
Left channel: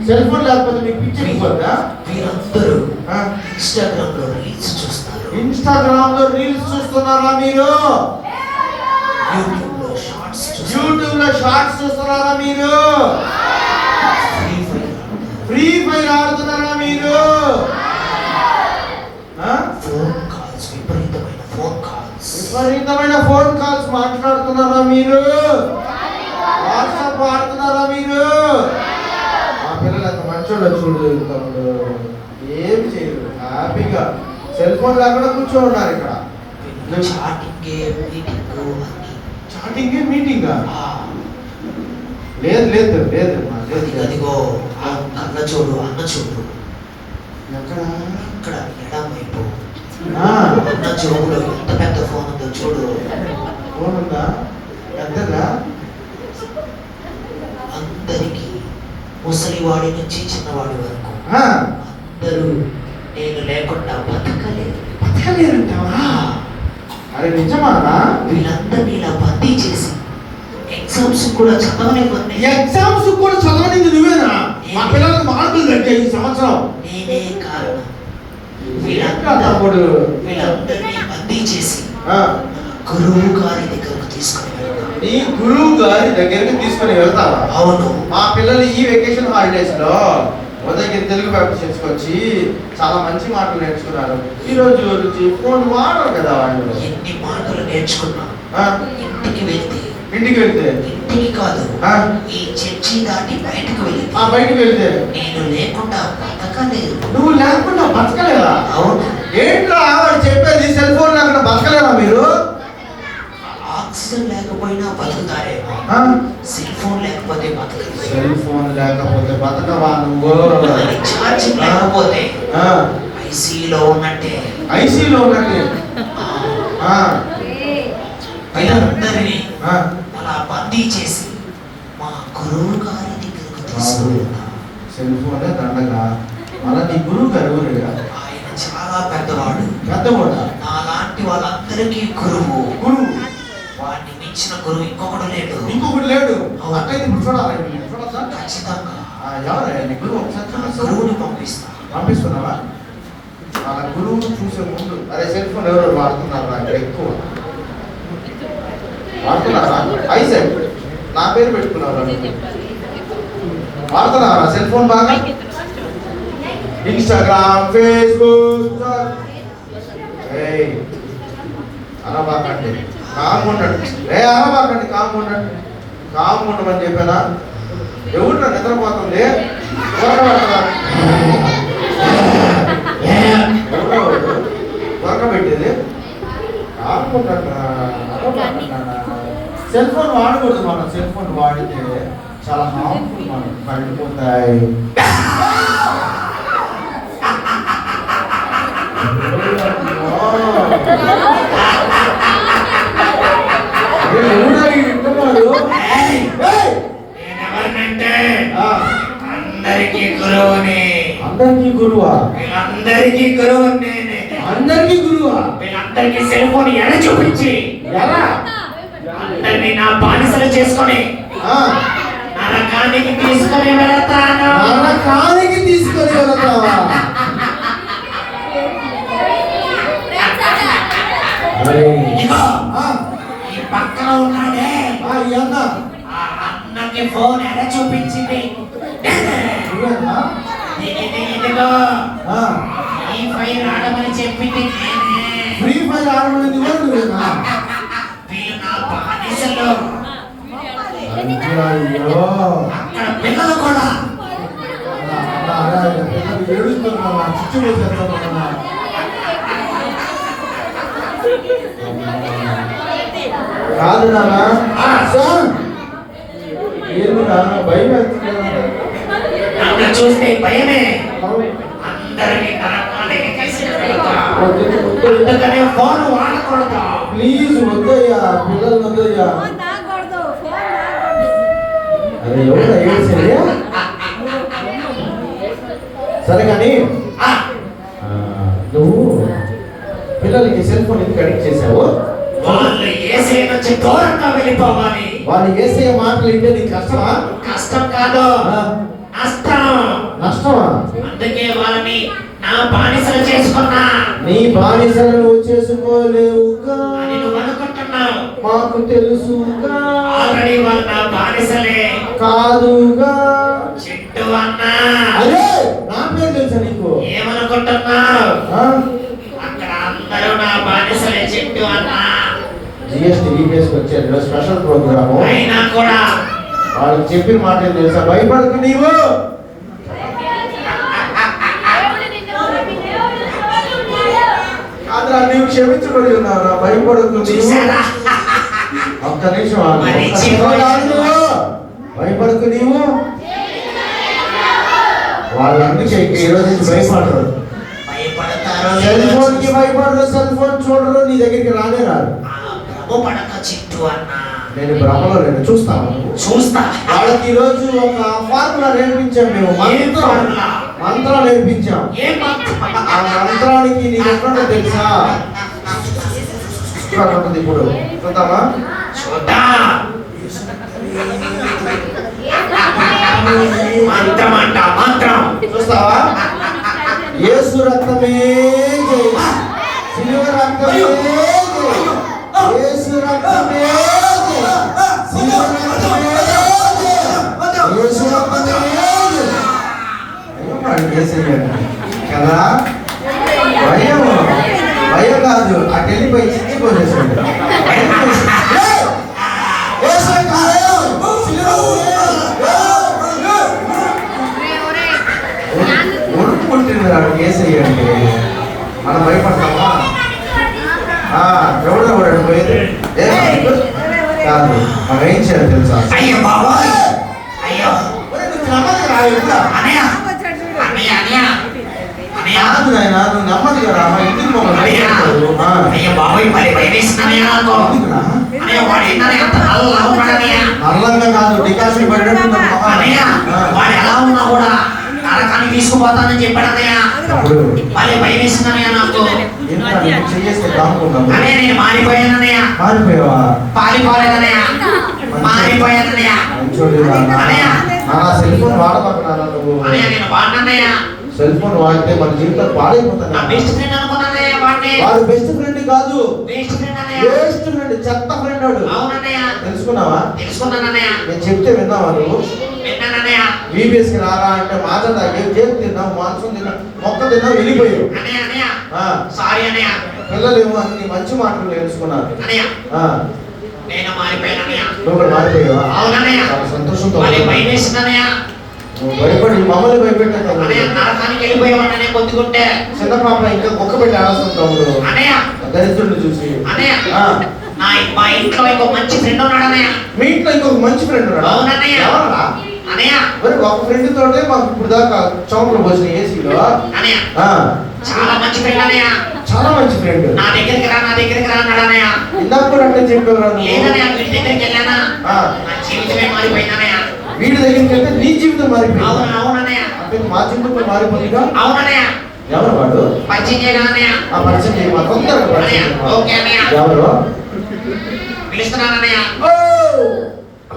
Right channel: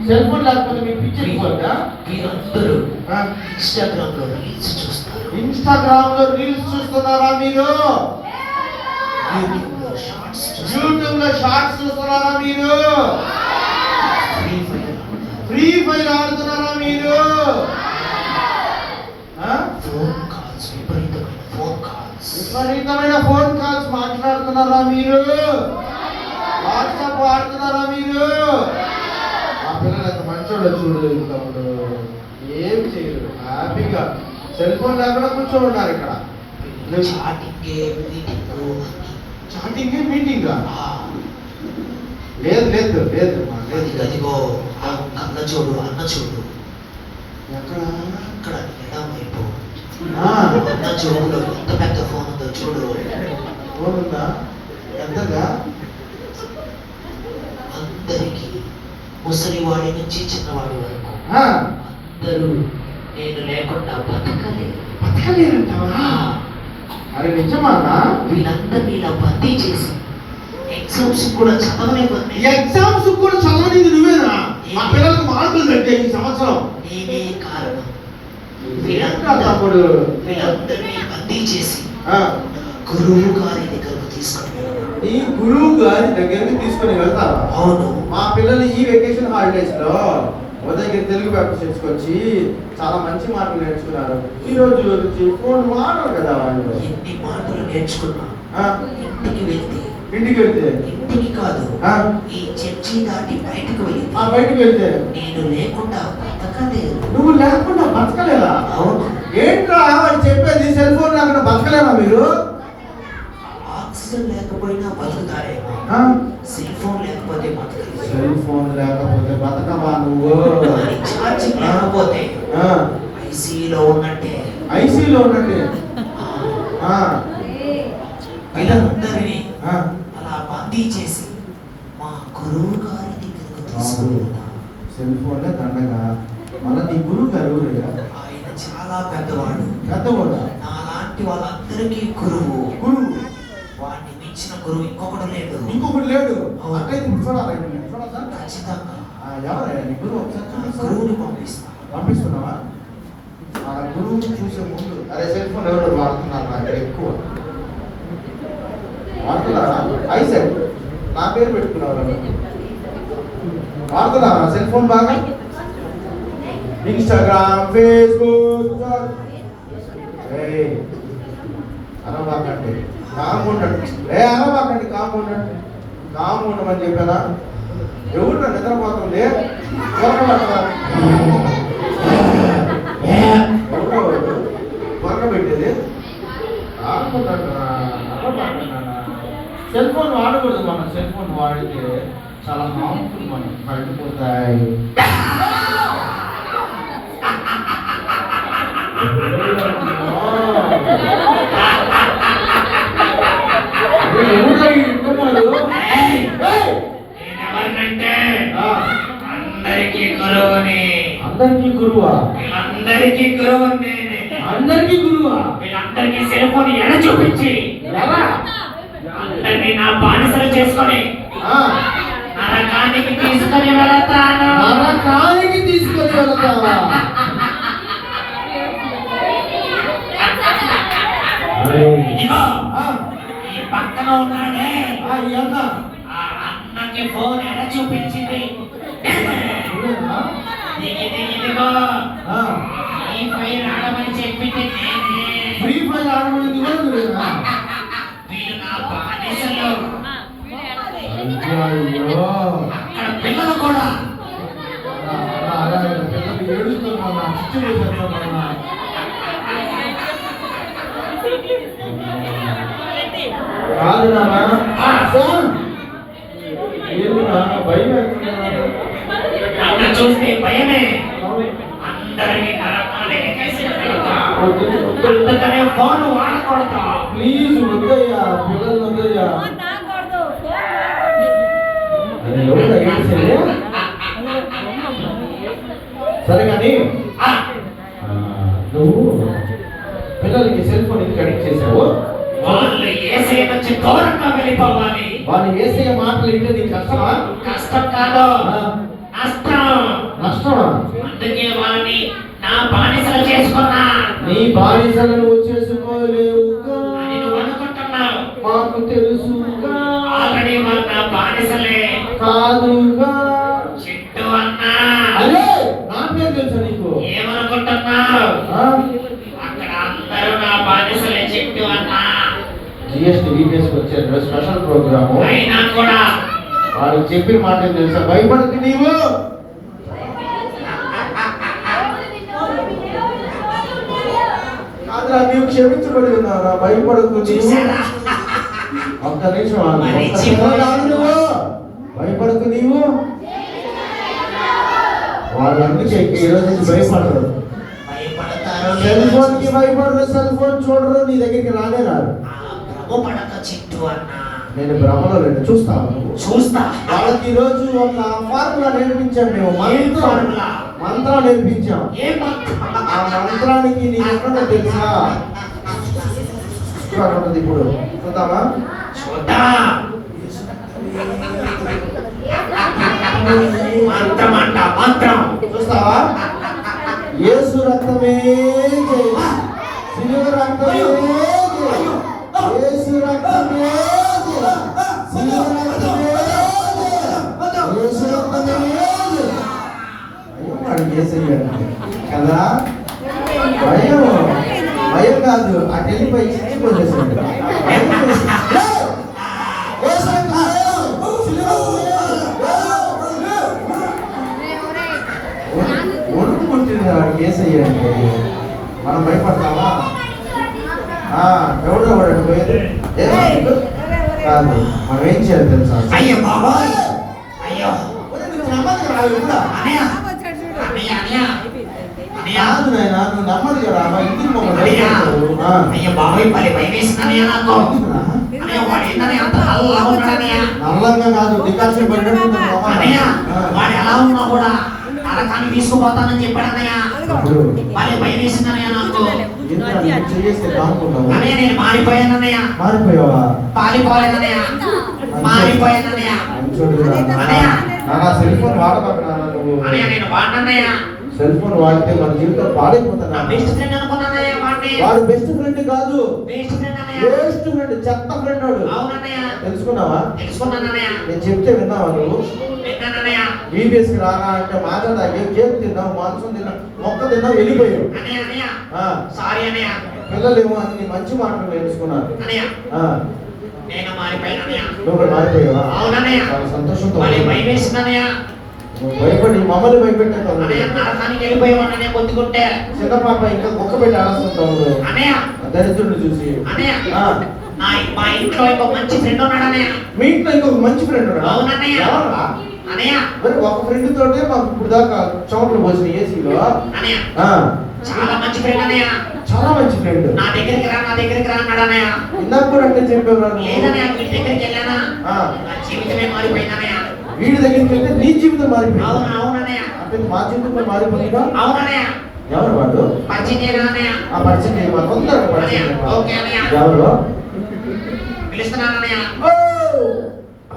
సెల్ ఫోన్ లేకపోతే మీకు పిచ్చెక్కిపోద్దా? వీరందరూ ఇన్స్టాగ్రామ్ లో రీల్స్ చూస్తారు. ఇన్స్టాగ్రామ్ లో రీల్స్ చూస్తున్నారా మీరు? యూట్యూబ్ లో షార్ట్స్ చూస్తారు. యూట్యూబ్ లో షార్ట్స్ చూస్తున్నారా మీరు? ఫ్రీ ఫైర్ ఆడతారు. ఫ్రీ ఫైర్ ఆడుతున్నారా మీరు? ఫోన్ కాల్స్, విపరీతమైన ఫోన్ కాల్స్. విపరీతమైన ఫోన్ కాల్స్ మాట్లాడుతున్నారా మీరు? వాట్సాప్ వాడుతున్నారా మీరు? మా పిల్లలు అంత మంచోళ్ళు చూడు తమ్ముడు. ఏం చేయరు, హ్యాపీగా సెల్ ఫోన్ లేకుండా కూర్చొని ఉన్నారు ఇక్కడ. చాటింగే మీటింగ్ అని. చాటింగ్ మీటింగా? లేదు లేదు లేదు అదిగో ఆ అన్న చూడు, అన్న చూడు. ఎక్కడ? అక్కడ ఎడమవైపు ఆ. ఉన్న జోబులో ఎంత పెద్ద ఫోన్ ఉందో చూడు. ఫోన్ ఉందా? ఎంతగా? అందరికీ ముసలివాడి నుంచి చిన్నవాడి వరకు ఆ, అందరూ నేను లేకుండా బతకలేరు. బతకలేరంటావా? అరే నిజమానా? వీళ్ళందరినీ ఇలా బందీ చేసి ఎగ్జామ్స్ కూడా చదవలేకపోతే ఎగ్జామ్స్ కూడా చదవనింది నువ్వేనా? మా పిల్లలకు మార్కులు కట్టే ఈ సంవత్సరం. నేనే కారణం. ఏంట్రా తమ్ముడు? వీళ్ళందరినీ బందీ చేసి ఆ, గురువు గారి దగ్గరకు తీసుకొని వెళ్తాను. నీ గురువు గారి దగ్గరికి తీసుకొని వెళ్తావా? అవును. మా పిల్లలు ఈ వెకేషన్ హాలిడేస్ లో ఉదయగిరి తెలుగు పేపర్ చేసుకొచ్చి చాలా మంచి మార్కులు నేర్చుకున్నారు. ఈ రోజు నుంచి ఫోన్ వాడరు కదా వాళ్ళు. ఎన్ని మార్కులు నేర్చుకున్నా ఆ, ఇంటికి వెళ్తే ఇంటికి వెళ్తే ఇంటికి కాదు ఆ, ఈ చర్చి దాటి బయటకు వెళ్తే ఆ బయటికి వెళ్తే నేను లేకుండా బతకలేదు. నువ్వు లేకుండా బతకలేదా? అవును. ఏంట్రా వాడు చెప్పేది? సెల్ ఫోన్ లేకుండా బతకలేవా మీరు? ఆక్సిజన్ లేకపోయినా బతుకుతారేమో, ఆ? సెల్ ఫోన్ లేకపోతే బతకలేదు. సెల్ ఫోన్ లేకపోతే బతకవా నువ్వు? అది ఛార్జింగ్ లేకపోతే ఆ, ఐసీలో ఉన్నట్టే. ఐసీలో ఉన్నట్టు. ఆ, వీళ్ళందరినీ ఆ. అలా బందీ చేసి మా గురువు గారి దగ్గరకు తీసుకువెళ్తా. సెల్ ఫోనే దండగా. మళ్ళా నీ గురువు గారు ఎవరుగా? ఆయన చాలా పెద్దవాడు. పెద్దవాడా? నాలాంటి వాళ్ళందరికీ గురువు. గురువు వాడిని మించిన గురువు ఇంకొకడు లేడు. ఇంకొకటి లేడు. అట్లయితే ఇప్పుడు చూడాలి. చూడొచ్చా? ఖచ్చితంగా ఆ, ఎవరే నీ గురువు? ఒకసారి నా చూపిస్తావా? గురువుని పంపిస్తా. పంపిస్తున్నావా? వాళ్ళ గురువును చూసే ముందు అదే సెల్ ఫోన్ ఎవరు వాడుతున్నారు అక్కడ ఎక్కువ వాడుతున్నారా? ఐసెట్ నా పేరు పెట్టుకున్నారా? వాడుతున్నారా సెల్ ఫోన్ బాగా? Instagram, Facebook. అనబాకండి, కామ్ ఉండండి. అనబాకండి, కామ్ ఉండండి. కామ్ ఉండమని చెప్పానా? ఎవరు నిద్రపోతుంది? పెట్టేది సెల్ ఫోన్ వాడకూడదు. మనం సెల్ ఫోన్ వాడితే చాలా హార్మ్ఫుల్. మనం పడిపోతాయి. నేనెవరినంటే అందరికీ గురువుని. అందరికీ గురువా? వీళ్ళందరికీ గురువు నేనే. అందరికీ గురువా? వీళ్ళందరికీ సెల్ ఫోన్ ఎడ చూపించి అందరినీ నా బానిసలు చేసుకొని నరకానికి తీసుకొని వెళతాను. నరకానికి తీసుకొని వెళతావా? ఇదిగో ఈ పక్కన ఉన్నాడే ఈ అన్న ఆ అన్నకి ఫోన్ ఎడ చూపించింది. ఇదిగో ఈ ఫైర్ ఆడమని చెప్పింది నేనే. ఫ్రీ ఫైర్ ఆడమనేది కూడా నువ్వేనా? వీళ్ళు నా బానిసలు. అయ్యో, అక్కడ పిల్లలు కూడా ఏడుస్తున్నా, చిచ్చు వేసేస్తున్నా. కాదు నాన్న, ఏందిరా భయం నన్ను చూస్తే భయమే. అందరినీ నరకానికి తీసుకువెళ్తా. అందుకనే ఫోన్ వాడకూడదు. ప్లీజ్ వద్దయ్యా, పిల్లలు వద్దయ్యా. అరే ఎవరు ఏడ్చేది? సరే కానీ నువ్వు పిల్లలకి సెల్ ఫోన్ ఎందుకు అడిక్ట్ చేశావు? వాళ్ళు యేసయ్య నుంచి దూరంగా వెళ్ళిపోవాలి. వాళ్ళు యేసయ్య మాటలు వింటే నీకు కష్టమా? కష్టం కాదు, నష్టం. నష్టమా? అందుకే వాళ్ళని నా బానిసలు చేసుకున్నా. నీ బానిసలు నువ్వు చేసుకోలేవుగా అని నువ్వు అనుకుంటున్నావు. మాకు తెలుసుగా. ఆల్రెడీ వాళ్ళు నా బానిసలే కాదుగా. చిట్టు అన్నా, అరే నా పేరు తెలుసా నీకు? ఏమనుకుంటున్నావు? ఆ? అక్కడ అందరూ నా బానిసలే చిట్టు అన్నా. జిఎస్టీ వీపీఎస్కి వచ్చారు, స్పెషల్ ప్రోగ్రాము. అయినా కూడా వాళ్ళు చెప్పిన మాట ఏం తెలుసా? భయపడుతు నీవు. కాదురా, నీవు క్షమించబడి ఉన్నావురా, భయపడుతు నీవు. చూసారా? ఒక్క నిమిషం ఆగు. ఒక్క నిమిషం ఆగు నువ్వు. భయపడుతు నీవు. వాళ్ళు అందుకే ఈ రోజు నుంచి భయపడరు. భయపడతారు. సెల్ ఫోన్ కి భయపడరు, సెల్ ఫోన్ చూడరు, నీ దగ్గరికి రానే రారు. పడక చింటూ అన్నా. నేను భ్రమలో నేను చూస్తాను. చూస్తా. వాళ్ళకి ఈ రోజు ఒక ఫార్ములా నేర్పించాం మేము. మంత్రం నేర్పించాం. ఆ మంత్రానికి నీ ఎక్కడ తెలుసా? ఇక్కడ ఉంటుంది. ఇప్పుడు చూద్దామా? మంత్రం అంట, మంత్రం చూస్తావా? యేసు రక్తమే జై, సిలువ రక్తమే జై, యేసు రక్తమే జై, సిలువ రక్తమే జై, యేసు రక్తమే జై. అయ్యో వాడు యేసయ్యాడు కదా. భయం భయం కాదు, అటు వెళ్ళిపోయి చిచ్చిపోసేసాడు. ఉడుకుంటున్నాడు యేసయ్యండి. మనం భయపడతామా? ఎవడెవడు పోయేది కాదు. మనం ఏం చేయాలి తెలుసా? అయ్యో బాబాయ్, అయ్యో కాదు నాయన, నువ్వు నమ్మదు కదా. మా ఇంటికి మమ్మల్ని అయ్యో బాబాయ్, మరి భయమేస్తున్నాయా నాకు. అల్లంగా కాదు, డికాషన్ పడినట్టు వాడు ఎలా ఉన్నా కూడా నరకాన్ని తీసుకుపోతానని చెప్పాడు అన్నయ్య. మళ్ళీ భయం వేసిందన్నయ్య నాకు. చేస్తే కానుకున్నావు. అన్నయ్య నేను మారిపోయానన్నయ్య. మారిపోయావా? పారిపోలేదన్నయ్య, మారిపోయానన్నయ్య. అన్నయ్య సెల్ ఫోన్ వాడబోతున్నాను నువ్వు. అన్నయ్య నేను వాడినన్నయ్య. సెల్ ఫోన్ వాడితే మన జీవితం పాడైపోతుంది. బెస్ట్ ఫ్రెండ్ అనుకున్నానయ్య వాడిని. వాడు బెస్ట్ ఫ్రెండ్ కాదు, బెస్ట్ ఫ్రెండ్ అన్నయ్య. బెస్ట్ ఫ్రెండ్, చెత్త ఫ్రెండ్ వాడు. అవునన్నయ్య. తెలుసుకున్నావా? తెలుసుకున్నానన్నయ్య. నేను చెప్తే విన్నావా నువ్వు? విన్నానన్నయ్య. VBS కి రారా అంటే మాట తాగి కేక్ తిన్నావు, మాంసం తిన్నావు, మొక్క తిన్నావు, వెళ్ళిపోయావు. అన్నయ్య అన్నయ్య సారీ అన్నయ్య. పిల్లలేమో అన్ని మంచి మాటలు నేర్చుకున్నారు. అన్నయ్య నేను మారిపోయానన్నయ్య. నువ్వు కూడా మారిపోయావా? అవునన్నయ్య. చాలా సంతోషంతో మళ్ళీ భయం వేసిందన్నయ్య. నువ్వు భయపడి మమ్మల్ని భయపెట్టావు. అన్నయ్య నరకానికి వెళ్ళిపోయావన్నయ్య కొద్దిగుంటే. చిన్న పాప ఇంకా కుక్క పెట్టి ఆడుతుంటావు అన్నయ్య. దరిద్రుడిని చూసి. అన్నయ్య మా ఇంట్లో ఇంకో మంచి ఫ్రెండ్ ఉన్నాడు అన్నయ్య. మీ ఇంట్లో ఇంకొక మంచి ఫ్రెండ్ ఉన్నాడు? అవునన్నయ్య. అన్నయ్య మరి ఒక ఫ్రెండ్ తోటే మాకు ఇప్పుడు దాకా చౌకలు వచ్చిన ఏసీలో. అన్నయ్య చాలా మంచి ఫ్రెండ్ అన్నయ్య. చాలా మంచి ఫ్రెండ్. నా దగ్గరికి రా అన్నాడు అన్నయ్య. ఇందాక కూడా అంటే చెప్పేవారు. లేదన్నయ్య, వీడి దగ్గరికి వెళ్ళానా నా జీవితమే మారిపోయింది అన్నయ్య. వీడి దగ్గరికి వెళ్తే నీ జీవితం మారిపోయింది. అవునన్నయ్య. అంటే మా జీవితం మారిపోయిందిగా. అవునన్నయ్య. ఎవరు వాడు? పరిచయం చేయాలన్నయ్య. ఆ పరిచయం చేయమా? కొందరు పరిచయం. ఓకే అన్నయ్య. ఎవరు? పిలుస్తున్నానన్నయ్య.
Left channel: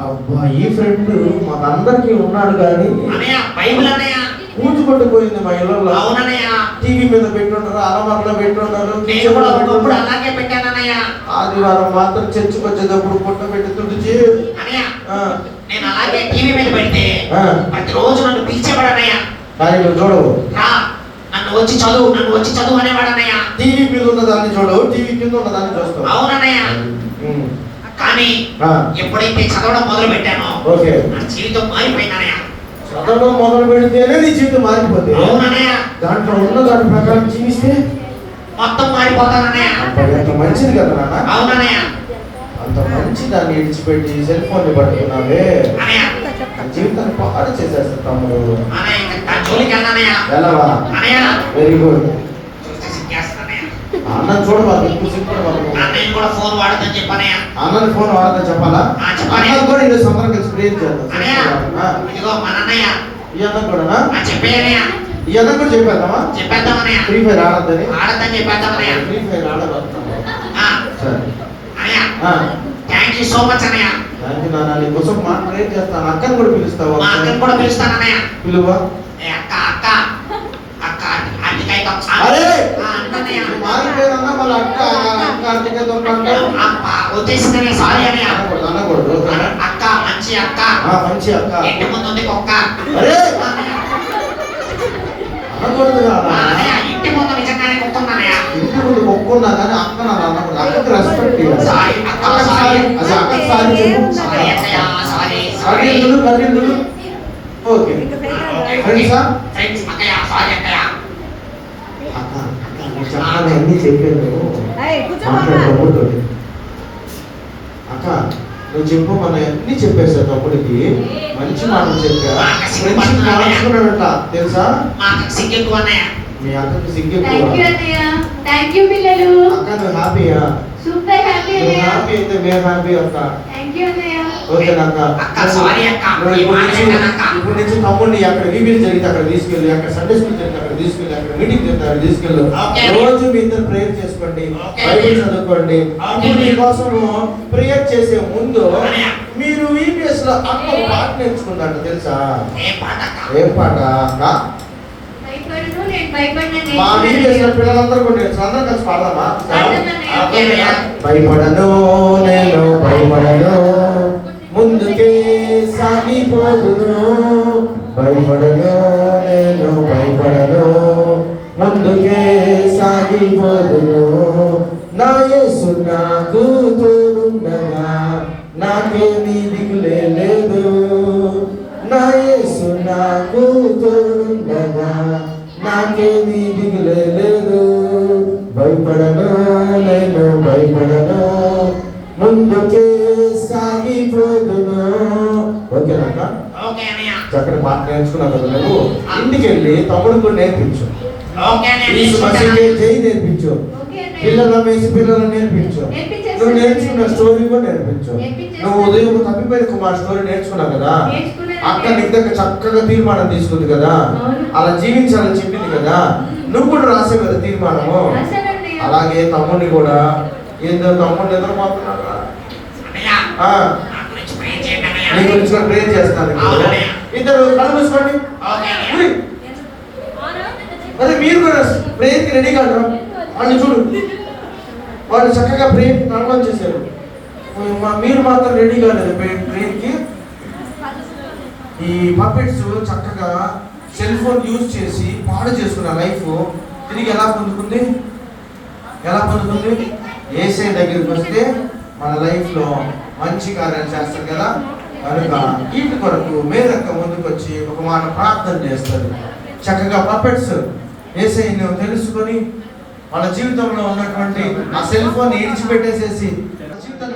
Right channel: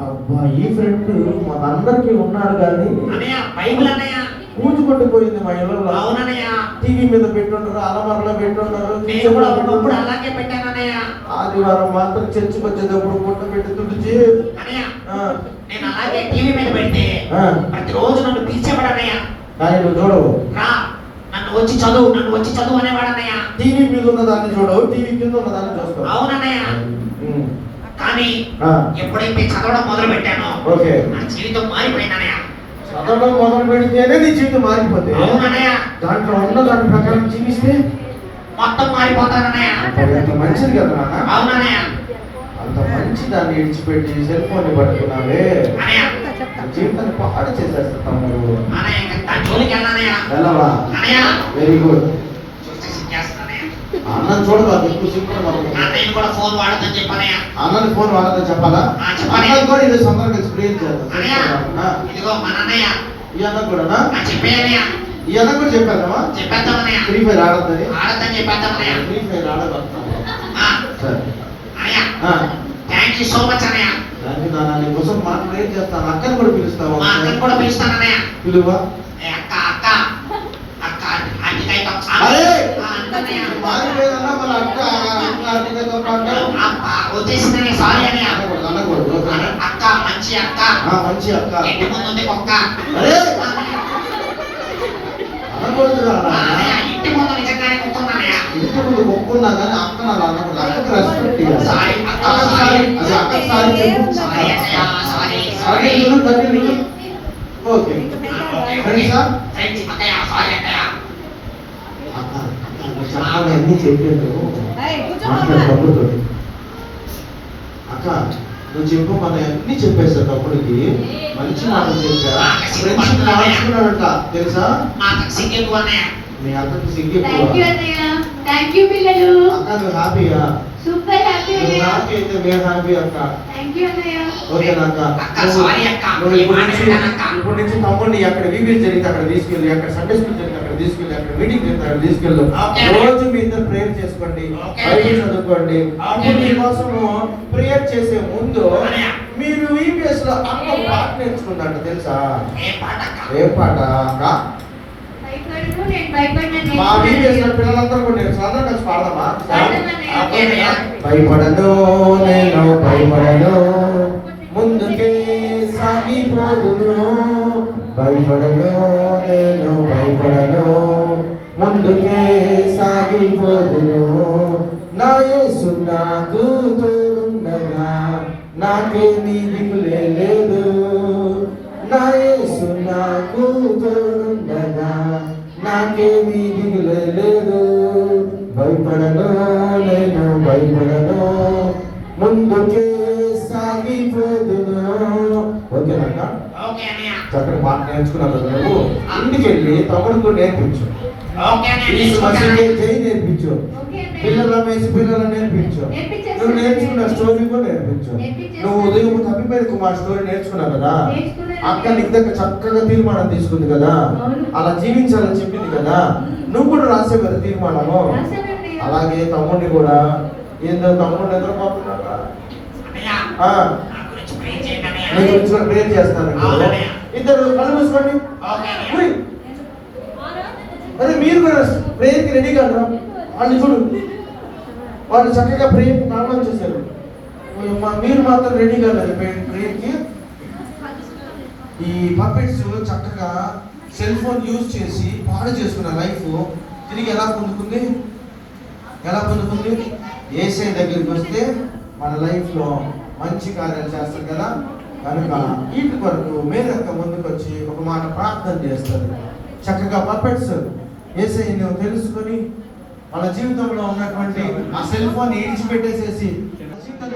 అబ్బా, ఈ ఫ్రెండ్ మనందరికీ ఉన్నాడు కానీ అన్నయ్య బైబిల్ అన్నయ్య కూర్చుపట్టుకోయింది మా ఇళ్ళలో. అవునన్నయ్య. టీవీ మీద పెట్టున్నారు, అలమారలో పెట్టున్నారు, నేను కూడా ఒకప్పుడు అలాగే పెట్టానన్నయ్య. ఆదివారం మాత్రం చర్చికి వచ్చేటప్పుడు పుట్ట పెట్టి తుడిచి. అన్నయ్య నేను అలాగే టీవీ మీద పెడితే ప్రతిరోజు నన్ను పిలిచేవాడు అన్నయ్య. కానీ నువ్వు చూడవు. నన్ను వచ్చి చదువు అనేవాడు అన్నయ్య. టీవీ మీద ఉన్న దాన్ని చూడవు, టీవీ కింద ఉన్న దాన్ని చూస్తావు. అవునన్నయ్య. కానీ ఎప్పుడైతే చదవడం మొదలు పెట్టానో నా జీవితం మారిపోయింది అన్నయ్య. చదవడం మొదలు పెడితేనే నీ జీవితం మారిపోతే. అవునన్నయ్య. దాంట్లో ఉన్న దాని ప్రకారం జీవిస్తే మొత్తం మారిపోతానన్నయ్య. అంత మంచిది కదా నాన్న. అవునన్నయ్య. అంత మంచి దాన్ని విడిచిపెట్టి సెల్ ఫోన్ పట్టుకున్నావే, జీవితాన్ని పాడు చేసేస్తా తమ్ముడు. వెళ్ళవా? Very good. అన్నని చూడవాలి, ఎక్కువ సింపుల్. అన్నయ్య కూడా ఫోన్ వాడదని చెప్పనయ్య. అన్నని ఫోన్ వాడదని చెప్పాలా? అన్నని కూడా ఇది సందర్భం కలిసి ప్రేర్ చేద్దాం. ఇదిగో మన అన్నయ్య. ఈ అన్న కూడా చెప్పేయనయ్య. ఈ అన్న కూడా చెప్పానమ్మా, చెప్పేద్దామన్నయ్య. ఫ్రీ ఫైర్ ఆడద్దని. ఆడద్దని చెప్పేద్దామన్నయ్య. ఫ్రీ ఫైర్ ఆడగలుగుతాం. సరే అన్నయ్య, థ్యాంక్ యూ సో మచ్ అన్నయ్య. దానికి నాన్న నీ కోసం మాట ప్రేర్ చేస్తాను. అక్కని కూడా పిలుస్తావా? మా అక్కని కూడా పిలుస్తాను అన్నయ్య. పిలువా? అక్క అక్క అక్క అన్నికై మారిపోయిందన్నా మళ్ళీ అక్క ఉద్దేశించిన సారీ అన్నయ్య. అనకూడదు. అక్క మంచి అక్క. మంచి అక్క. ఇంటి ముందు ఉంది కుక్క. అనకూడదు. ఇంటి ముందు నిజంగానే కుక్క ఉందన్నయ్య. ఇంటి ముందు ఒప్పుకున్నా కానీ అక్క నన్ను అనకూడదు. అక్కకి రెస్పెక్ట్ ఇవ్వాలి. సారీ అక్క, సారీ. అది అక్కకి సారీ చెప్పు. సారీ అన్నయ్య, సారీ. సారీ కన్నీళ్ళు. ఓకే ఫ్రెండ్సా? ఫ్రెండ్స్ అక్కయ్య, సారీ అక్కయ్య. చెప్పాలి అన్ని చెప్పాను తమ్ముడితో. అక్క నువ్వు చెప్పు, మన అన్ని చెప్పేసా తమ్ముడికి. మంచి మాటలు చెప్పా. ఫ్రెండ్షిప్ మార్చుకున్నాడట తెలుసా? సిగ్గెక్కువ అన్నయ్య. మీ అక్కకు సిగ్గు థ్యాంక్ యూ ఎక్కువ. అన్నయ్య. థ్యాంక్ యూ పిల్లలు. అక్క నువ్వు హ్యాపీయా? సూపర్ హ్యాపీ నువ్వు అన్నయ్య. హ్యాపీ అయితే మేము హ్యాపీ అక్క. థ్యాంక్ యూ అన్నయ్య. ఓకేనా అక్క? అక్క, సారీ అక్క. నువ్వు ఈ ఇప్పుడు మాట నుంచి విన్నానక్క. ఇప్పుడు నుంచి తమ్ముడిని అక్కడ ఈవెంట్ జరిగితే అక్కడ తీసుకెళ్ళి, అక్కడ సండే స్కూల్ జరిగితే అక్కడ తీసుకెళ్ళి, అక్కడ మీటింగ్ జరిగితే అక్కడ తీసుకెళ్ళు. ఓకే. రోజు మీ ఇద్దరు ప్రేయర్ చేసుకోండి, ఓకే. బైబిల్ చదువుకోండి. ఓకే. ఇప్పుడు మీకోసం ప్రేయర్ చేసే ముందు అన్నయ్య. మీరు ఈవీఎస్ లో అక్క ఒక పాట నేర్చుకుంటాడు తెలుసా? ఏ పాట అక్క? ఏం పాట అక్క? భయపడను, నేను భయపడిన మా ఈవీఎస్ లో పిల్లలందరూ కూడా నేర్చు, అందరం కలిసి పాడదామా? ఓకే అన్నయ్య. భయపడను నేను భయపడను, ముందుకే సాగిపోదును. భయపడను నేను భయపడను, ముందుకే సాగిపోదును. నా యేసు నాకు తోడుండగా నాకేమీ దిగులే లేదు. నా యేసు నాకు తోడుండగా నాకేమీ దిగులే లేదు. భయపడను నేను భయపడను, ముందుకే సాగిపోదును. ఓకేనాక? ఓకే అన్నయ్య. చక్కటి పాట నేర్చుకున్న కదా నువ్వు ఇంటికి వెళ్ళి తమ్ముడు నేర్పించు. ఓకే అన్నయ్య. ఈ మసీదుకి జై నేర్పించు. ఓకే అన్నయ్య. పిల్లల వేసి పిల్లలు నేర్పించు. నేర్పించేస్తాను. నువ్వు నేర్చుకున్న స్టోరీ కూడా నేర్పించు. నేర్పించేస్తాను. నువ్వు ఉదయం తప్పిపోయిన కుమార్ స్టోరీ నేర్చుకున్నావు కదా, నేర్చుకున్నాను. అక్క నీకు దగ్గర చక్కగా తీర్మానం తీసుకుంది కదా, అవును. అలా జీవించాలని చెప్పింది కదా, నువ్వు కూడా రాసావు కదా తీర్మానము. రాశానన్నయ్య. అలాగే తమ్ముడిని కూడా ఏందో తమ్ముడు నిద్రపోతున్నాడు రా. అన్నయ్య, ఆ, నా గురించి ప్రేయర్ చేయండి అన్నయ్య. నీ గురించి కూడా ప్రేర్ చేస్తాను ఇప్పుడు. అవునన్నయ్య. ఇద్దరు కళ్ళు మూసుకోండి. ఓకే అన్నయ్య. ఉయ్. అదే మీరు కూడా ప్రేయర్కి రెడీగా ఉండరా? వాళ్ళు చూడు, వాళ్ళు చక్కగా ప్రేయర్ ప్రారంభం చేశారు. మీరు మాత్రం రెడీగా ఉన్నారు ప్రేయర్కి. ఈ పప్పెట్స్ చక్కగా సెల్ ఫోన్ యూజ్ చేసి పాడు చేసుకున్న లైఫ్ తిరిగి ఎలా పొందుకుంది? ఎలా పొందుకుంది? యేసయ్య దగ్గరికి వస్తే మన లైఫ్ లో మంచి కార్యాలు చేస్తారు కదా, కనుక వీటి కొరకు మేరక్క ముందుకు వచ్చి ఒక మాట ప్రార్థన చేస్తారు. చక్కగా పప్పెట్స్ యేసయ్యను తెలుసుకొని వాళ్ళ జీవితంలో ఉన్నటువంటి ఆ సెల్ ఫోన్ విడిచిపెట్టేసేసి